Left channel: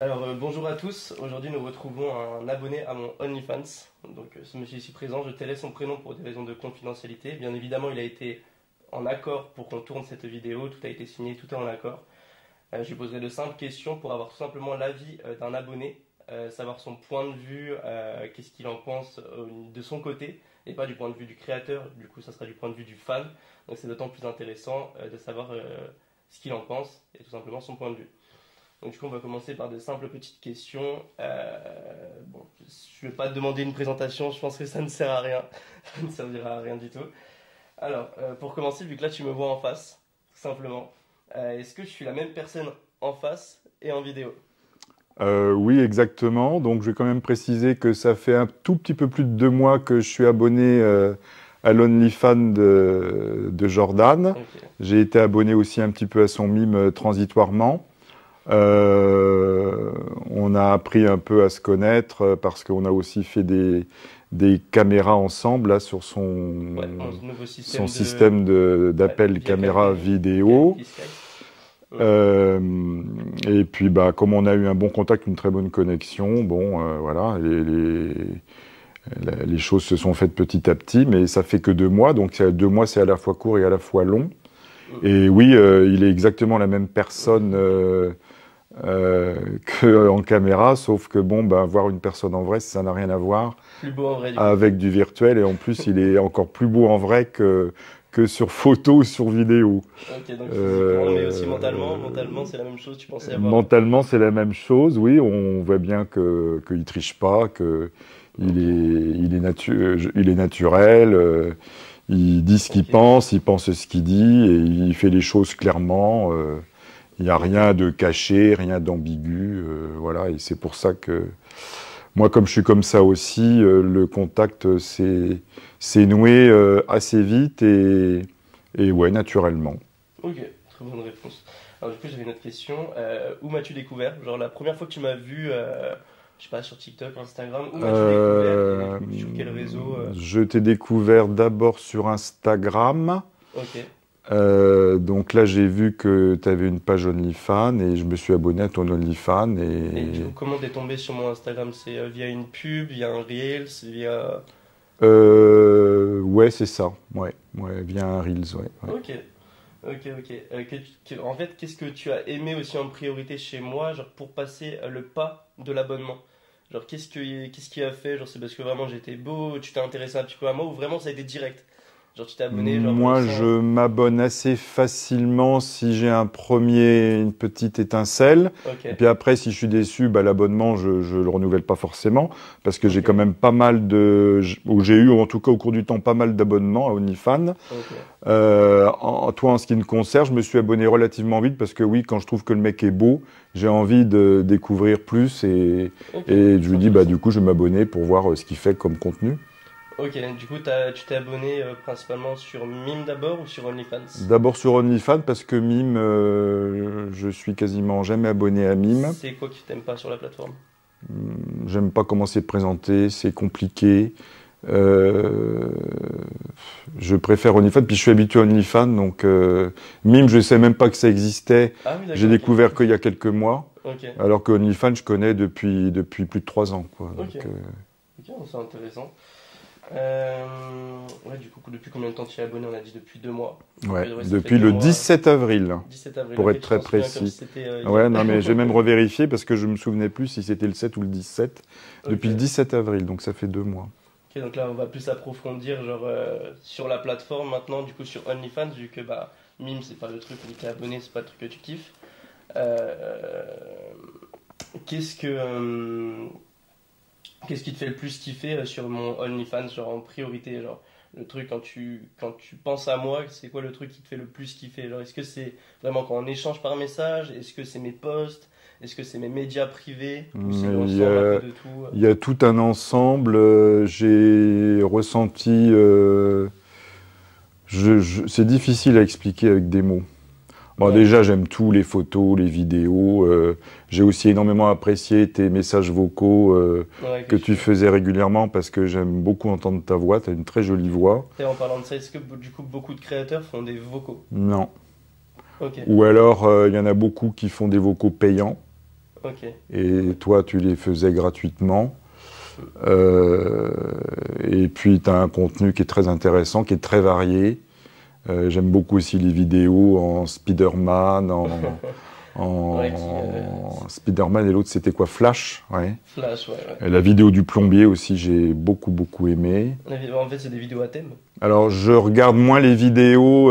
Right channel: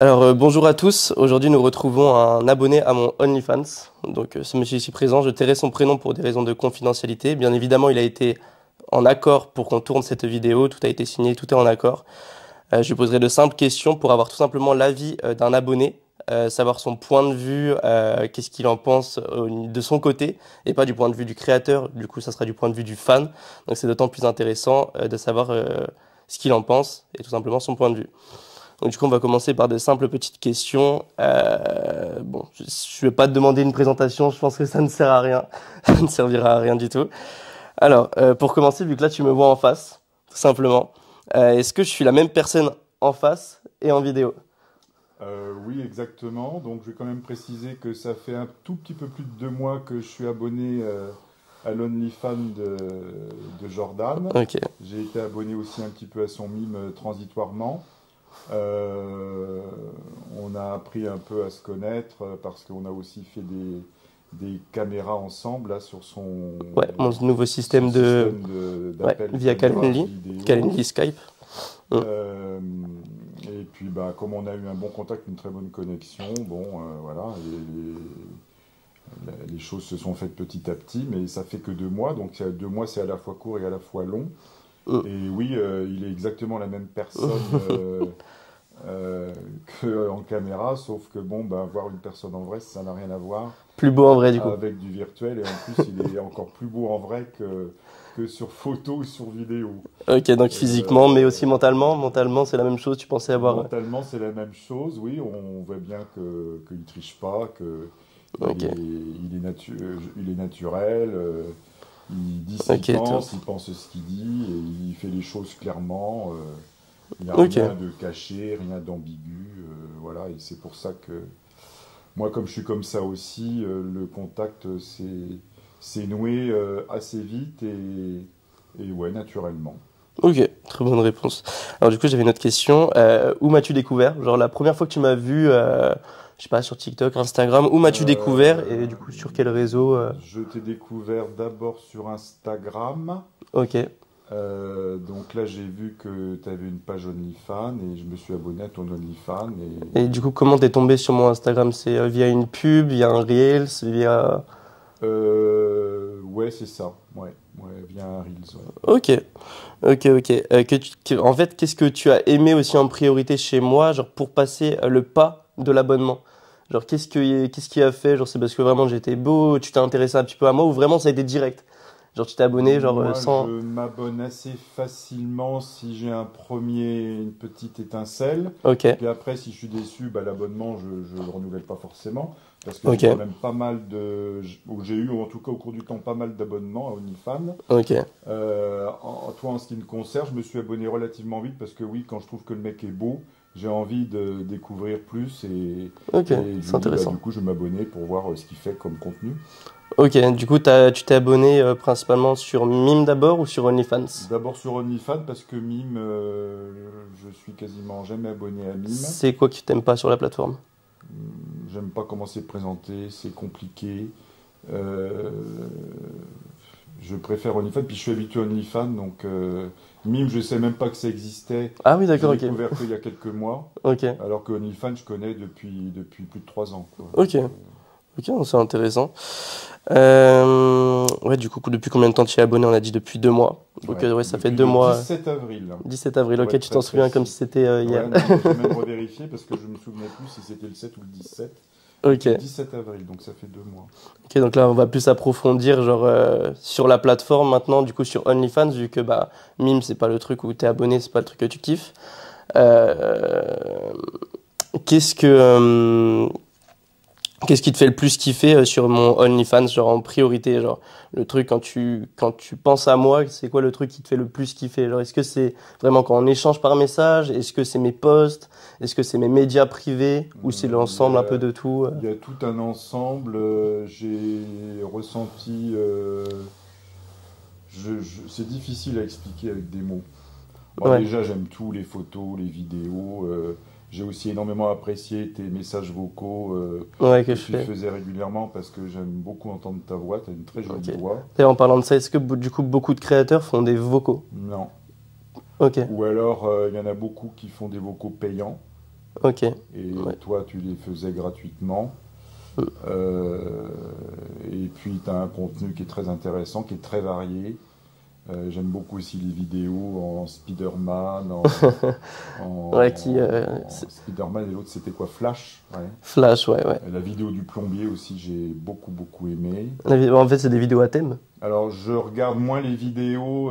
Bonjour à tous. Aujourd'hui, nous retrouvons un abonné à mon OnlyFans. Ce monsieur ici présent, je tairai son prénom pour des raisons de confidentialité. Bien évidemment, il a été en accord pour qu'on tourne cette vidéo. Tout a été signé, tout est en accord. Je lui poserai de simples questions pour avoir tout simplement l'avis d'un abonné, savoir son point de vue, qu'est-ce qu'il en pense de son côté, et pas du point de vue du créateur. Du coup, ça sera du point de vue du fan. Donc, c'est d'autant plus intéressant de savoir ce qu'il en pense et tout simplement son point de vue. Donc, du coup, on va commencer par de simples petites questions. Bon, je ne vais pas te demander une présentation, je pense que ça ne sert à rien. Ça ne servira à rien du tout. Pour commencer, vu que là, tu me vois en face, tout simplement, est-ce que je suis la même personne en face et en vidéo? Oui, exactement. Donc, je vais quand même préciser que ça fait un tout petit peu plus de 2 mois que je suis abonné à l'OnlyFans de Jordan. Ok, J'ai été abonné aussi un petit peu à son mime transitoirement. Euh, on a appris un peu à se connaître parce qu'on a aussi fait des caméras ensemble là, sur ouais, mon nouveau son système de... système Ouais, d'appel via caméra Calvelli, vidéo. Calvelli Skype. Mm. Euh, et puis, bah, comme on a eu un bon contact, une très bonne connexion, bon, voilà, les choses se sont faites petit à petit, mais ça fait que 2 mois, donc 2 mois, c'est à la fois court et à la fois long. Mm. Et oui, il est exactement la même personne qu'en caméra, sauf que bon, bah, voir une personne en vrai, ça n'a rien à voir Plus beau en vrai, du coup. avec du virtuel, et en plus, il est encore plus beau en vrai que sur photo ou sur vidéo. Ok, donc physiquement, mais aussi mentalement. Euh, Mentalement, c'est la même chose, tu pensais avoir... Mentalement, c'est la même chose, oui. On voit bien qu'il triche pas, que Ok, il est naturel, il dit ce qu'il ok, top. pense, il pense ce qu'il dit, et il fait les choses clairement. Il n'y a Ok, rien de caché, rien d'ambigu, voilà. Et c'est pour ça que moi, comme je suis comme ça aussi, le contact s'est noué assez vite et ouais, naturellement. ok, très bonne réponse. Alors du coup, j'avais une autre question. Où m'as-tu découvert? Genre la première fois que tu m'as vu, je sais pas, sur TikTok, Instagram, où m'as-tu découvert et du Euh, coup sur quel réseau? je t'ai découvert d'abord sur Instagram. Ok. Donc là, j'ai vu que tu avais une page OnlyFans et je me suis abonné à ton OnlyFans. Et du coup, comment t'es tombé sur mon Instagram? C'est via une pub, via un Reels, via... Ouais, c'est ça. Ouais, ouais, via un Reels. Ouais. Ok, ok. En fait, qu'est-ce que tu as aimé aussi en priorité chez moi, genre pour passer le pas de l'abonnement? Genre qu'est-ce qui a fait? Genre c'est parce que vraiment j'étais beau, tu t'es intéressé un petit peu à moi ou vraiment ça a été direct? Genre tu t'es abonné genre Moi, sans... je m'abonne assez facilement si j'ai une petite étincelle. Ok, Et puis après, si je suis déçu, bah, l'abonnement, je ne le renouvelle pas forcément. Parce que j'ai quand ok, même pas mal ou j'ai eu en tout cas au cours du temps pas mal d'abonnements à OnlyFans. ok. Toi, en ce qui me concerne, je me suis abonné relativement vite parce que oui, quand je trouve que le mec est beau, j'ai envie de découvrir plus Ok, et je c'est lui dis, bah, du intéressant. coup, je vais m'abonner pour voir ce qu'il fait comme contenu. Ok, du coup, tu t'es abonné principalement sur Mime d'abord ou sur OnlyFans? D'abord sur OnlyFans parce que Mime, je suis quasiment jamais abonné à Mime. C'est quoi que tu t'aimes pas sur la plateforme? J'aime pas comment c'est présenté, c'est compliqué. Euh, je préfère OnlyFans, puis je suis habitué à OnlyFans, donc Mime, je sais même pas que ça existait. Ah oui, J'ai d'accord, ok. découvert qu'il y a quelques mois, Ok, alors que OnlyFans, je connais depuis plus de 3 ans, quoi. ok, Donc, ok, c'est intéressant. Ouais, du coup, depuis combien de temps tu es abonné? On a dit depuis 2 mois. ouais, Ouais, ça fait depuis deux le mois. 17 avril, 17 avril, pour ok, être tu très t'en souviens comme si précis. c'était hier. Ouais, non, mais j'ai même revérifié parce que je me souvenais plus si c'était le 7 ou le 17. Ok, Depuis le 17 avril, donc ça fait 2 mois. ok, donc là, on va plus approfondir genre, sur la plateforme maintenant, du coup, sur OnlyFans, vu que bah, Mime, c'est pas le truc où t'es abonné, c'est pas le truc que tu kiffes. Euh, qu'est-ce que, Qu'est-ce qui te fait le plus kiffer sur mon OnlyFans, genre en priorité, genre le truc quand tu penses à moi, c'est quoi le truc qui te fait le plus kiffer? Genre est-ce que c'est vraiment quand on échange par message? Est-ce que c'est mes posts? Est-ce que c'est mes médias privés? Ou c'est Il y l'ensemble un peu a, de tout? il y a tout un ensemble. J'ai ressenti. C'est difficile à expliquer avec des mots. Bon, Ouais, déjà, j'aime tout, les photos, les vidéos. J'ai aussi énormément apprécié tes messages vocaux ouais, que que je tu fais. faisais régulièrement parce que j'aime beaucoup entendre ta voix. Tu as une très jolie Ok. voix. Et en parlant de ça, est-ce que du coup beaucoup de créateurs font des vocaux? Non. Ok, Ou alors, il y en a beaucoup qui font des vocaux payants. Ok. Et Ouais. toi, tu les faisais gratuitement. Mm. Et puis, tu as un contenu qui est très intéressant, qui est très varié. J'aime beaucoup aussi les vidéos en Spider-Man, Ouais, en Spider-Man et l'autre, c'était quoi? Flash, ouais. Flash, ouais, ouais. Et la vidéo du plombier aussi, j'ai beaucoup, beaucoup aimé. En fait, c'est des vidéos à thème. Alors, je regarde moins les vidéos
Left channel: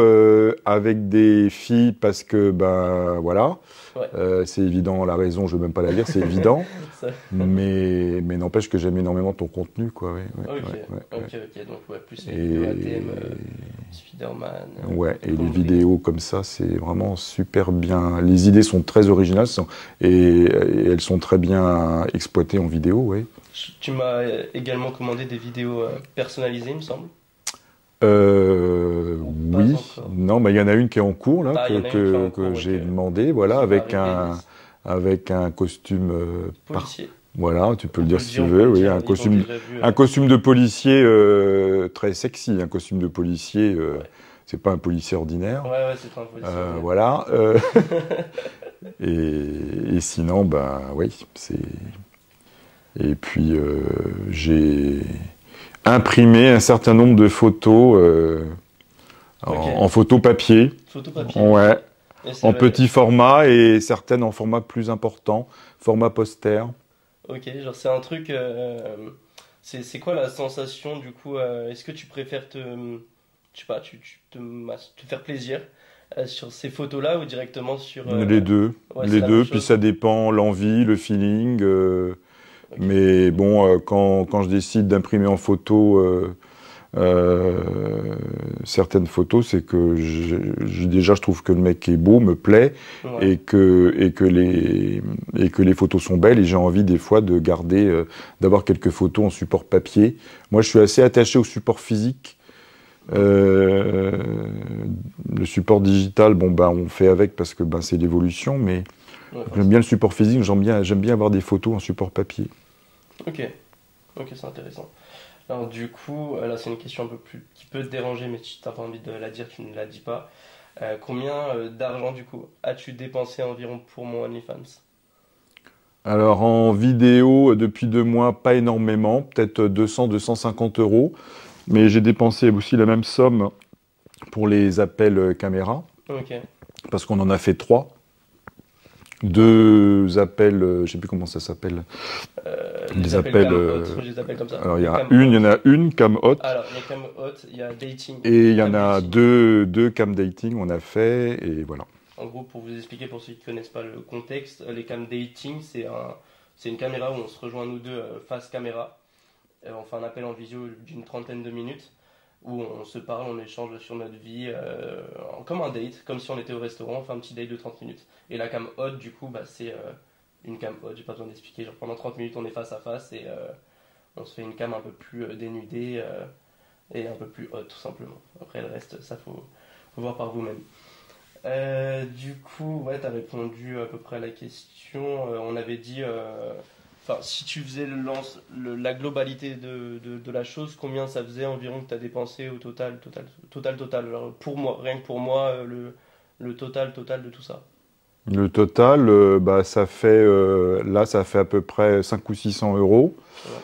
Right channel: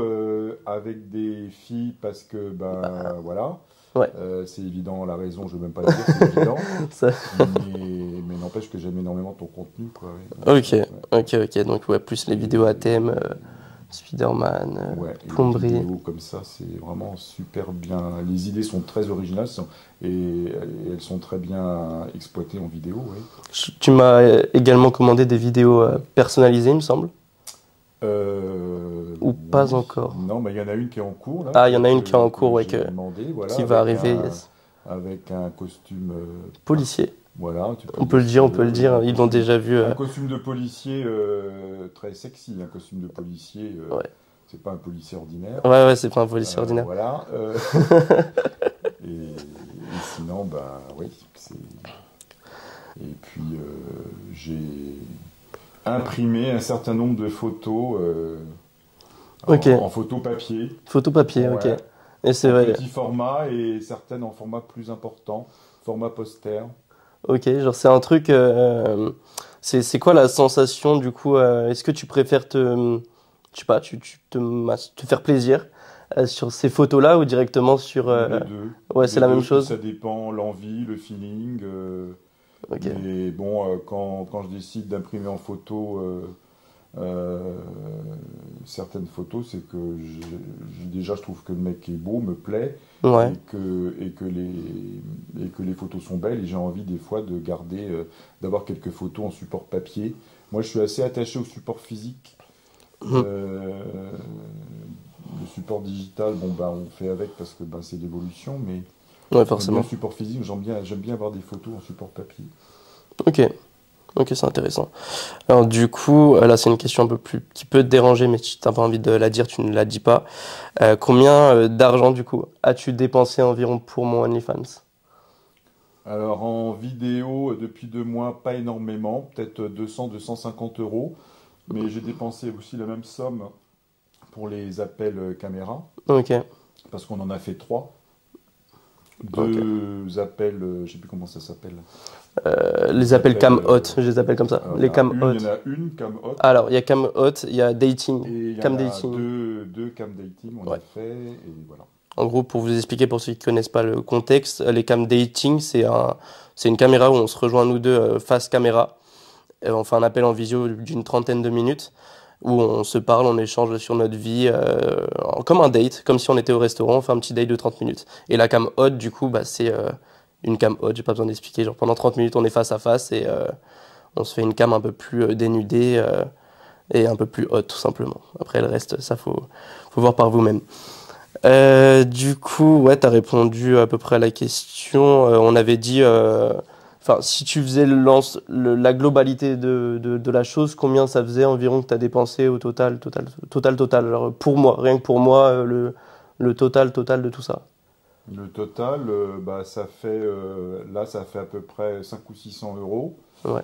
avec des filles parce que, ben, voilà. Ouais. C'est évident, la raison, je ne veux même pas la dire, c'est évident. Ça- Mais n'empêche que j'aime énormément ton contenu, quoi. Ouais, ouais, Ok, ouais, ouais. ok. Donc, ouais, plus les Et- vidéos à thème, Spider-Man, Ouais, et les plomberie. vidéos comme ça, c'est vraiment super bien. Les idées sont très originales et elles sont très bien exploitées en vidéo, oui. Tu m'as également commandé des vidéos personnalisées, il me semble. Ou pas Oui. encore. Non, mais il y en a une qui est en cours, là, Ah, il y en a une qui est en cours, ouais, j'ai demandé, voilà, qui va arriver. avec un costume Policier. voilà, tu peux On le peut dire le si dire, tu on peut veux, le oui, dire. Ils l'ont déjà vu. un costume de policier très sexy, un costume de policier, Ouais. c'est pas un policier ordinaire. Ouais, c'est pas un policier ordinaire. Voilà. Et sinon, ben oui, c'est. Et puis j'ai imprimé un certain nombre de photos Ok. en photo papier, Photo papier. ouais, Ok. Et c'est en vrai. petit format et certaines en format plus important, format poster. Ok, genre c'est un truc. C'est quoi la sensation du coup est-ce que tu préfères je sais pas, te faire plaisir sur ces photos-là ou directement sur. Les deux, Ouais, c'est les la même deux. Puis chose. ça dépend l'envie, le feeling. Ok. Mais bon, quand je décide d'imprimer en photo euh, certaines photos, c'est que déjà je trouve que le mec est beau, me plaît, Ouais. et que les photos sont belles. Et j'ai envie des fois de garder, d'avoir quelques photos en support papier. Moi, je suis assez attaché au support physique. Euh, le support digital, bon ben on fait avec parce que ben c'est l'évolution, mais Ouais, j'aime bien forcément. le support physique, j'aime bien avoir des photos en support papier. Ok. Ok, c'est intéressant. Alors du coup, là c'est une question un peu plus qui peut te déranger, mais si t'as pas envie de la dire, tu ne la dis pas. Combien d'argent du coup as-tu dépensé environ pour mon OnlyFans? Alors en vidéo, depuis 2 mois, pas énormément, peut-être 200-250 euros, mais j'ai dépensé aussi la même somme pour les appels caméra, Ok. parce qu'on en a fait 3. Ok. 2 appels, je ne sais plus comment ça s'appelle. Les Les appels appels, cam hot, je les appelle comme ça. alors Les cam il hot. y en a une cam hot, Alors, il y a cam hot, il y a dating. et il y en Cam a dating. deux cam dating, on Ouais. a fait, et voilà. En gros, pour vous expliquer, pour ceux qui ne connaissent pas le contexte, les cam dating, c'est une caméra où on se rejoint nous deux face caméra. On fait un appel en visio d'une trentaine de minutes où on se parle, on échange sur notre vie, comme un date, comme si on était au restaurant, on fait un petit date de 30 minutes. Et la cam hot, du coup, bah, c'est une cam hot, j'ai pas besoin d'expliquer. Genre pendant 30 minutes, on est face à face et on se fait une cam un peu plus dénudée et un peu plus hot, tout simplement. Après, le reste, ça, faut voir par vous-même. Du coup, ouais, t'as répondu à peu près à la question. On avait dit, enfin, si tu faisais la globalité de la chose, combien ça faisait environ que t'as dépensé au total. Genre, pour moi, rien que pour moi, le total de tout ça. Le total, bah, là, ça fait à peu près 500 ou 600 euros. Ouais.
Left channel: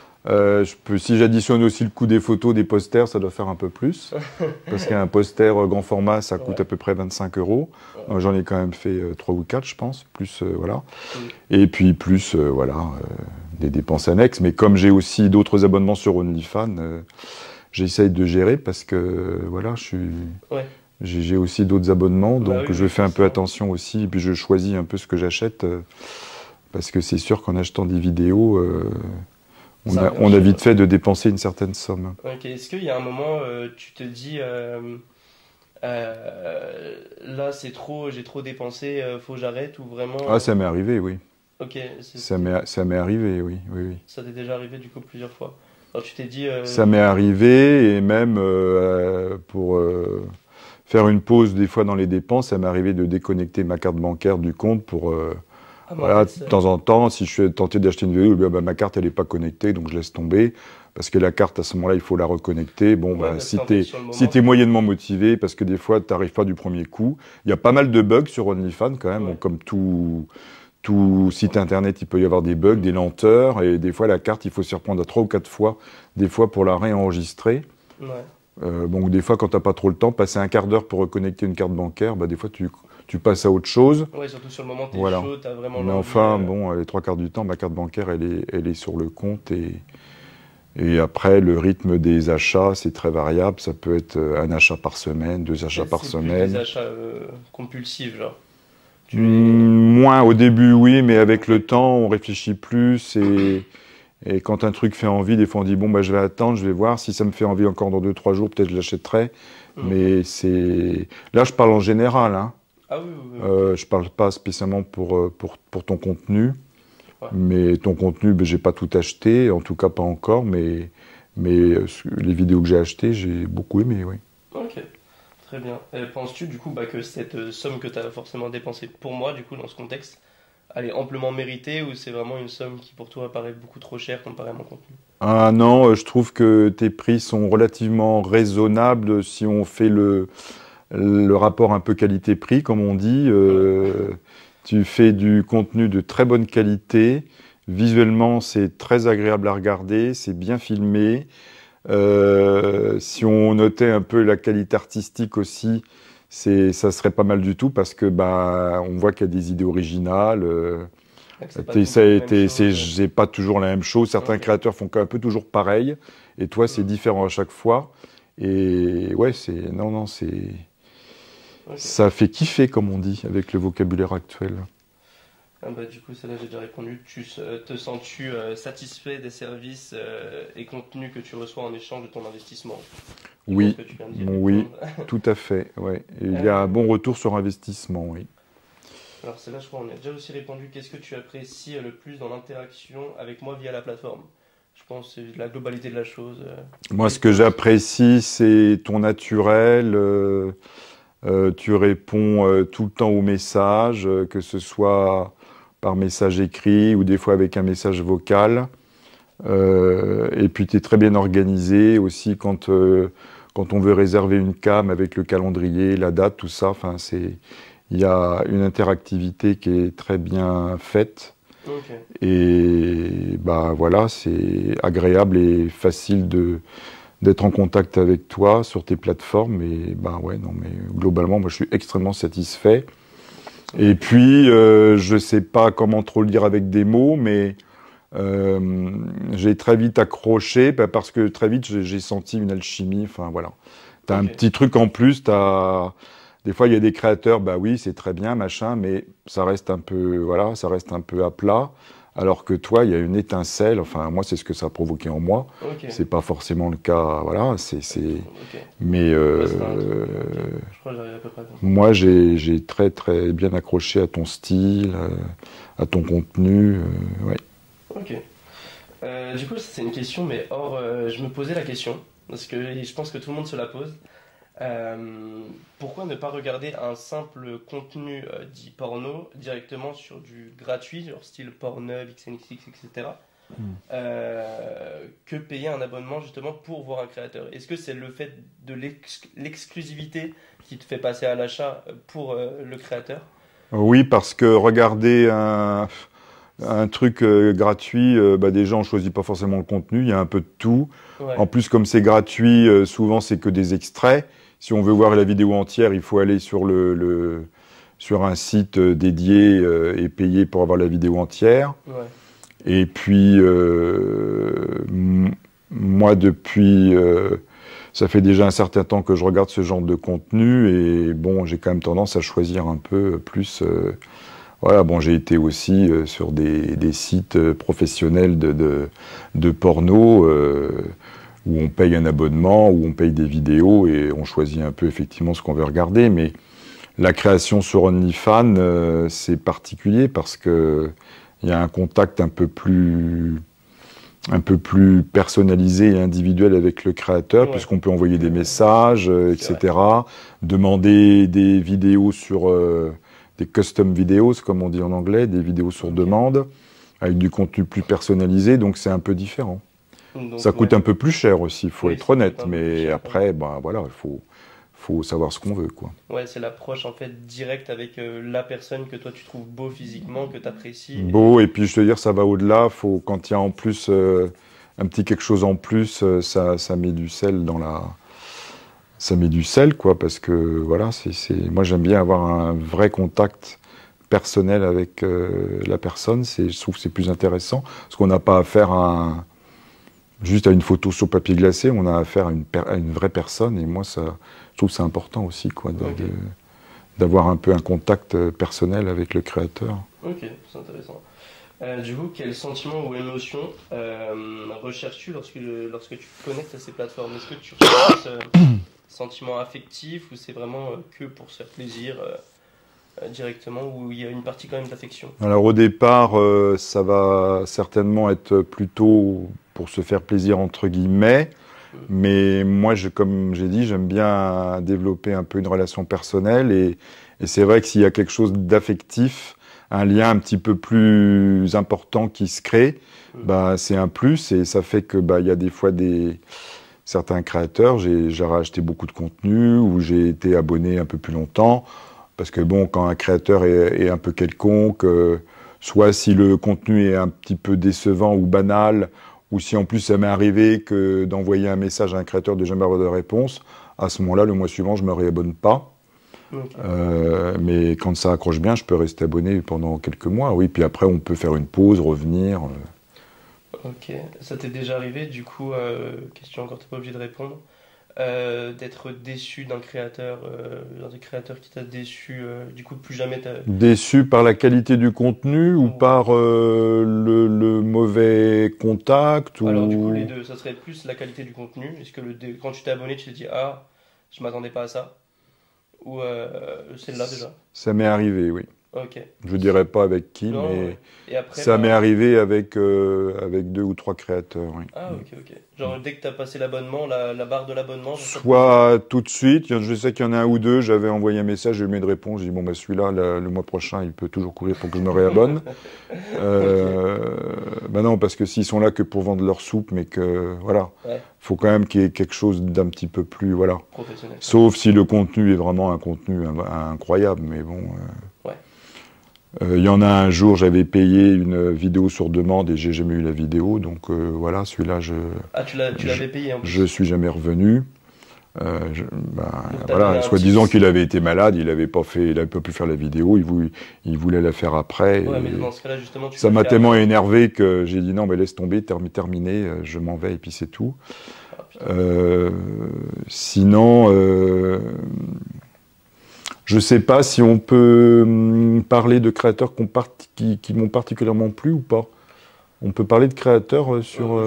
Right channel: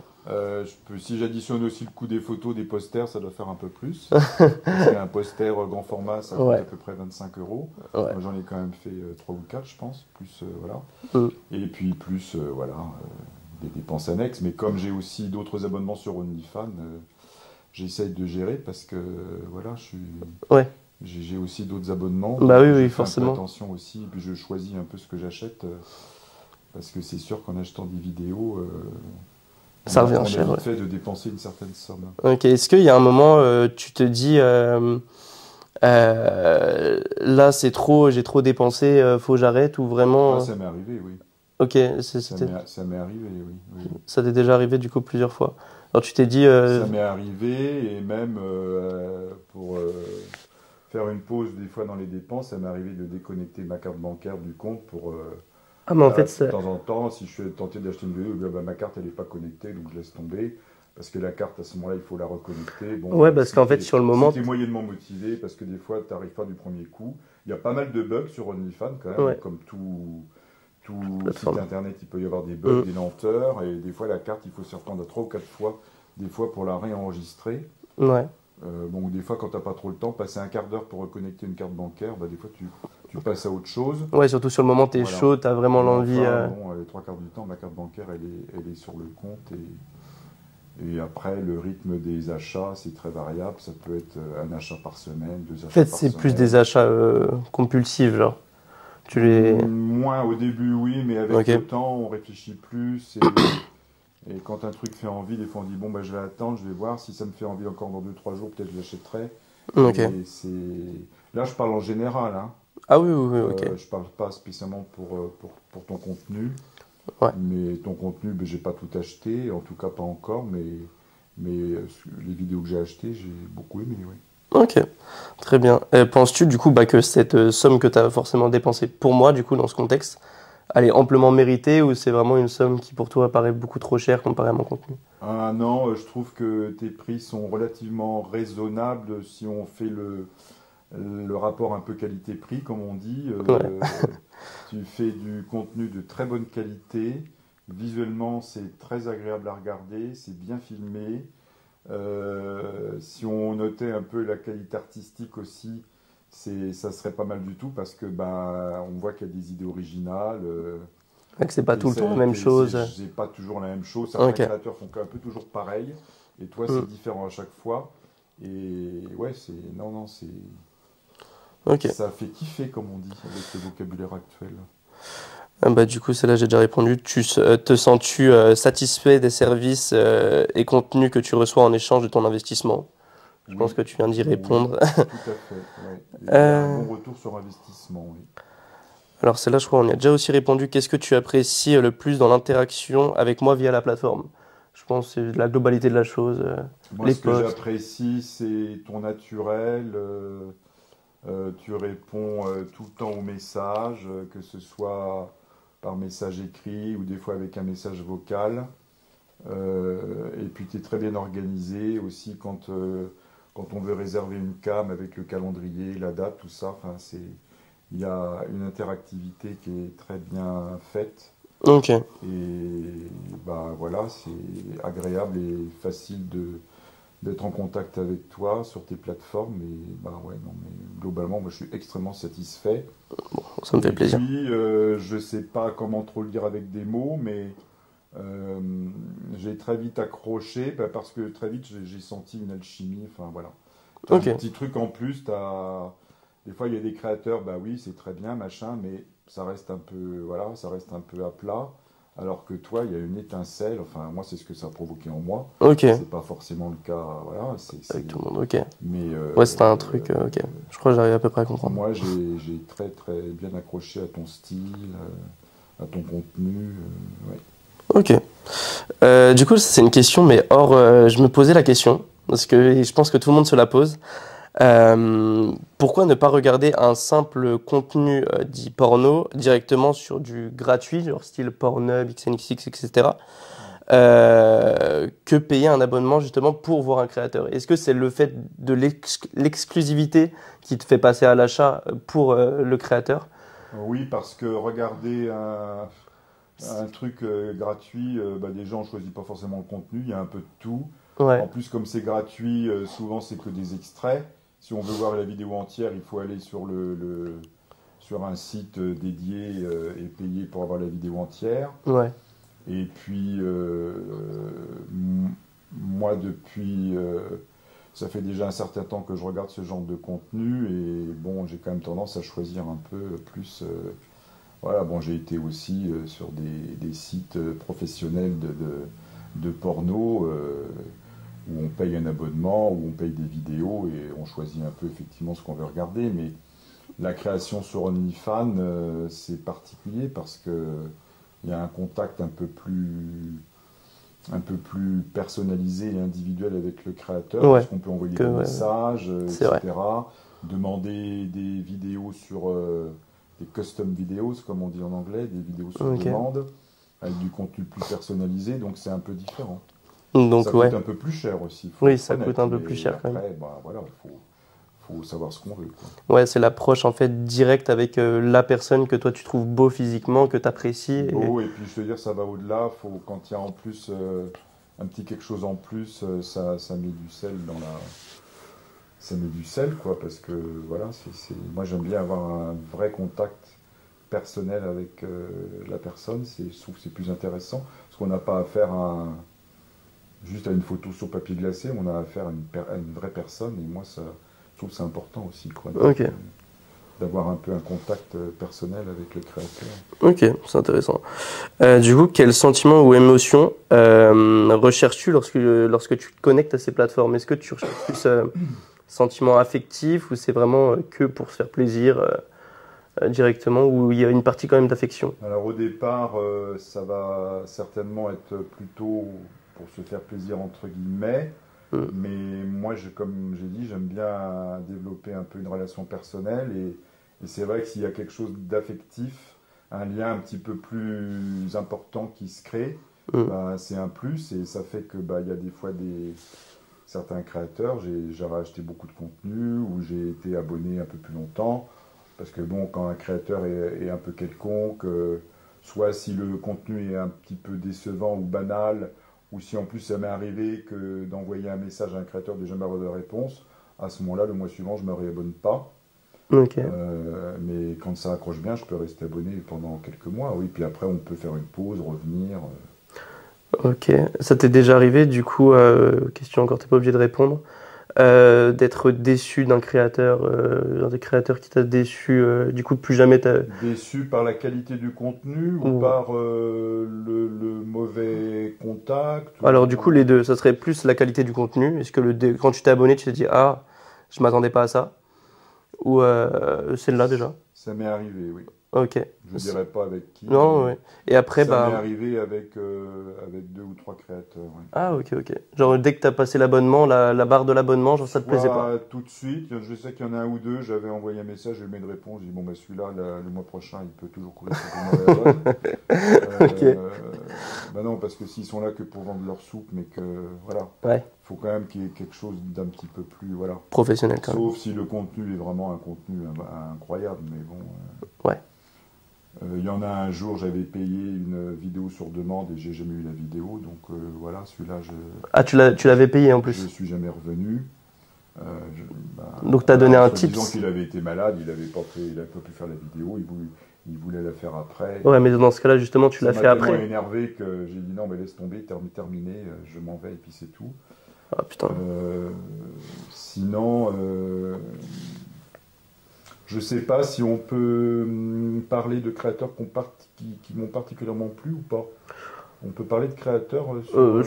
Si j'additionne aussi le coût des photos, des posters, ça doit faire un peu plus. Parce qu'un poster grand format, ça coûte Ouais. à peu près 25 euros. Ouais. Moi, j'en ai quand même fait 3 ou 4, je pense. Plus, voilà. Mm. Et puis, plus, voilà, des dépenses annexes. Mais comme j'ai aussi d'autres abonnements sur OnlyFans, j'essaye de gérer parce que, voilà, Ouais. j'ai aussi d'autres abonnements. Donc, Bah oui, je oui, fais un peu forcément. attention aussi. Et puis, je choisis un peu ce que j'achète. Parce que c'est sûr qu'en achetant des vidéos, Ça revient on a cher, vite ouais. fait de dépenser une certaine somme. Ok, est-ce qu'il y a un moment, tu te dis, là c'est trop, j'ai trop dépensé, faut que j'arrête ou vraiment. Ah, ça m'est arrivé, oui. Ok, Ça m'est arrivé, oui, oui, oui. ça t'est déjà arrivé du coup plusieurs fois. Alors tu t'es dit, Ça m'est arrivé, et même pour faire une pause des fois dans les dépenses, ça m'est arrivé de déconnecter ma carte bancaire du compte pour, ah mais en voilà, fait, de temps en temps, si je suis tenté d'acheter une vidéo, bah, ma carte elle n'est pas connectée, donc je laisse tomber. Parce que la carte, à ce moment-là, il faut la reconnecter. Bon, ouais, bah, parce si qu'en fait t'es, sur le si moment, t'es moyennement motivé, parce que des fois, tu n'arrives pas du premier coup. Il y a pas mal de bugs sur OnlyFans quand même, ouais, comme tout site internet, il peut y avoir des bugs, des lenteurs, et des fois la carte, il faut s'y reprendre à 3 ou 4 fois, des fois pour la réenregistrer. Ouais. Bon, des fois, quand tu n'as pas trop le temps, passer un quart d'heure pour reconnecter une carte bancaire, bah, des fois, tu passes à autre chose. Ouais, surtout sur le moment, tu es Voilà. chaud, tu as vraiment Mais l'envie. enfin, bon, les 3 quarts du temps, ma carte bancaire, elle est sur le compte. Et après, le rythme des achats, c'est très variable. Ça peut être un achat par semaine, 2 achats par C'est semaine. plus des achats compulsifs, genre. Moins au début, oui, mais avec Ok. le temps, on réfléchit plus. Et quand un truc fait envie, des fois, on dit, bon, bah, je vais attendre, je vais voir. Si ça me fait envie encore dans 2, 3 jours, peut-être je l'achèterai. Ok. Mais c'est... Là, je parle en général, hein. Ah oui, oui, oui, ok. Je parle pas spécialement pour ton contenu. Ouais. Mais ton contenu, ben, j'ai pas tout acheté, en tout cas pas encore, mais les vidéos que j'ai achetées, j'ai beaucoup aimé, oui. Ok. Très bien. Penses-tu, du coup, que cette somme que tu as forcément dépensée pour moi, du coup, dans ce contexte, elle est amplement méritée ou c'est vraiment une somme qui, pour toi, paraît beaucoup trop chère comparé à mon contenu? Ah non, je trouve que tes prix sont relativement raisonnables si on fait le rapport un peu qualité-prix, comme on dit. Ouais. Tu fais du contenu de très bonne qualité. Visuellement, c'est très agréable à regarder, c'est bien filmé. Si on notait un peu la qualité artistique aussi, ça serait pas mal du tout parce que bah, on voit qu'il y a des idées originales. Que c'est pas tout le temps la même chose. C'est pas toujours la même chose. Certains Ok. créateurs font un peu toujours pareil, et toi c'est Hmm. différent à chaque fois. Et ouais, Ok. ça fait kiffer comme on dit avec le vocabulaire actuel. Du coup, celle-là, j'ai déjà répondu. Te sens-tu satisfait des services et contenus que tu reçois en échange de ton investissement? Je pense Oui, que tu viens d'y oui, répondre. tout à fait. Ouais. Et il y a un Euh, bon retour sur investissement, oui. alors, celle-là, je crois qu'on y a déjà aussi répondu. Qu'est-ce que tu apprécies le plus dans l'interaction avec moi via la plateforme? Je pense que c'est la globalité de la chose. Moi, Les ce que posts. j'apprécie, c'est ton naturel. Tu réponds tout le temps aux messages, que ce soit par message écrit ou des fois avec un message vocal. Et puis, tu es très bien organisé aussi quand on veut réserver une cam avec le calendrier, la date, tout ça. Enfin, il y a une interactivité qui est très bien faite. Ok. Et bah, voilà, c'est agréable et facile d'être en contact avec toi sur tes plateformes. Et bah ouais, non, mais globalement, moi, je suis extrêmement satisfait. Ça me fait Et plaisir. puis, je sais pas comment trop le dire avec des mots, mais j'ai très vite accroché parce que très vite, j'ai senti une alchimie. Enfin, voilà. T'as un Ok. petit truc en plus. Des fois, il y a des créateurs, bah oui, c'est très bien, machin, mais ça reste un peu, voilà, ça reste un peu à plat. Alors que toi, il y a une étincelle. Enfin, moi, c'est ce que ça a provoqué en moi. Ok. C'est pas forcément le cas, voilà. Avec tout le monde. Ok. Mais Ouais, c'était un truc. Ok. Je crois que j'arrive à peu près à comprendre. moi, j'ai très très bien accroché à ton style, à ton contenu. Ouais. Ok. Du coup, c'est une question, mais or, je me posais la question, parce que je pense que tout le monde se la pose. Pourquoi ne pas regarder un simple contenu dit porno directement sur du gratuit, genre style Pornhub, XNXX, etc., que payer un abonnement justement pour voir un créateur? Est-ce que c'est le fait de l'exclusivité qui te fait passer à l'achat pour le créateur? Oui, parce que regarder un truc gratuit, bah déjà, on choisit pas forcément le contenu, il y a un peu de tout. En Ouais, plus, comme c'est gratuit, souvent c'est que des extraits. Si on veut voir la vidéo entière, il faut aller sur un site dédié et payer pour avoir la vidéo entière. ouais, Et puis, moi, ça fait déjà un certain temps que je regarde ce genre de contenu et bon, j'ai quand même tendance à choisir un peu plus. Voilà, bon, j'ai été aussi sur des sites professionnels de porno où on paye un abonnement, où on paye des vidéos et on choisit un peu effectivement ce qu'on veut regarder. Mais la création sur OnlyFans, c'est particulier parce que il y a un contact un peu plus personnalisé et individuel avec le créateur, ouais, puisqu'on peut envoyer que, des messages, c'est vrai. etc. Demander des vidéos des custom videos, comme on dit en anglais, des vidéos sur Ok. demande, avec du contenu plus personnalisé, donc c'est un peu différent. Ça Donc, coûte ouais. un peu plus cher aussi, il faut Oui, être ça coûte honnête, un peu plus mais cher quand même. après, ben voilà, faut savoir ce qu'on veut, quoi. Ouais, c'est l'approche en fait directe avec la personne que toi tu trouves beau physiquement, que tu apprécies. Beau, et puis je te veux dire, ça va au-delà. Quand il y a en plus un petit quelque chose en plus, ça met du sel ça met du sel, quoi, parce que voilà, moi j'aime bien avoir un vrai contact personnel avec la personne. Je trouve que c'est plus intéressant, parce qu'on n'a pas affaire juste à une photo sur papier glacé, on a affaire à une vraie personne, et moi je trouve que c'est important aussi, quoi, d'avoir un peu un contact personnel avec le créateur. Ok, c'est intéressant. Du coup, quel sentiment ou émotion recherches-tu lorsque tu te connectes à ces plateformes? Est-ce que tu recherches ce sentiment affectif ou c'est vraiment que pour se faire plaisir directement, ou il y a une partie quand même d'affection? Alors au départ, ça va certainement être plutôt pour se faire plaisir entre guillemets, mais moi, comme j'ai dit, j'aime bien développer un peu une relation personnelle, et c'est vrai que s'il y a quelque chose d'affectif, un lien un petit peu plus important qui se crée, bah, c'est un plus, et ça fait que il y a des fois certains créateurs, j'ai racheté beaucoup de contenu, ou j'ai été abonné un peu plus longtemps. Parce que bon, quand un créateur est un peu quelconque, soit si le contenu est un petit peu décevant ou banal, ou si en plus ça m'est arrivé d'envoyer un message à un créateur de jamais avoir de réponse, à ce moment-là, le mois suivant, je ne me réabonne pas. Okay. Mais quand ça accroche bien, je peux rester abonné pendant quelques mois, oui. Puis après, on peut faire une pause, revenir. Ok. Ça t'est déjà arrivé, du coup, question encore, t'es pas obligé de répondre, d'être déçu d'un créateur, genre des créateurs qui t'a déçu, du coup plus jamais t'as... Déçu par la qualité du contenu ou par le mauvais contact Alors du coup les deux, ça serait plus la qualité du contenu. Est-ce que quand tu t'es abonné, tu t'es dit ah, je m'attendais pas à ça, ou celle-là déjà? Ça m'est arrivé, oui. Ok. Je dirais pas avec qui, non, mais ouais. Et après, ça m'est arrivé avec 2 ou 3 créateurs. Oui. Ah, ok, ok. Genre, dès que tu as passé l'abonnement, la barre de l'abonnement, ça te plaisait Soit pas? tout de suite, je sais qu'il y en a un ou deux, j'avais envoyé un message, j'ai eu de réponse, j'ai dit bon, bah, celui-là, le mois prochain, il peut toujours courir pour qu'il me réabonne. Bah non, parce que s'ils sont là que pour vendre leur soupe, mais que, voilà, faut quand même qu'il y ait quelque chose d'un petit peu plus, voilà. Professionnel. Sauf si le contenu est vraiment un contenu incroyable, mais bon. Ouais. Il y en a un jour, j'avais payé une vidéo sur demande et j'ai jamais eu la vidéo, donc voilà, celui-là, Ah, tu l'avais payé en plus? Je suis jamais revenu. Donc t'as donné un tips. Soi-disant qu'il avait été malade, il avait pas pu faire la vidéo, il voulait la faire après. Ouais, mais dans ce cas-là, justement, tu l'as fait Ça m'a tellement après. énervé que j'ai dit non, mais laisse tomber, terminé, je m'en vais et puis c'est tout. Ah, putain. Sinon, je sais pas si on peut parler de créateurs qui m'ont particulièrement plu ou pas. On peut parler de créateurs sur...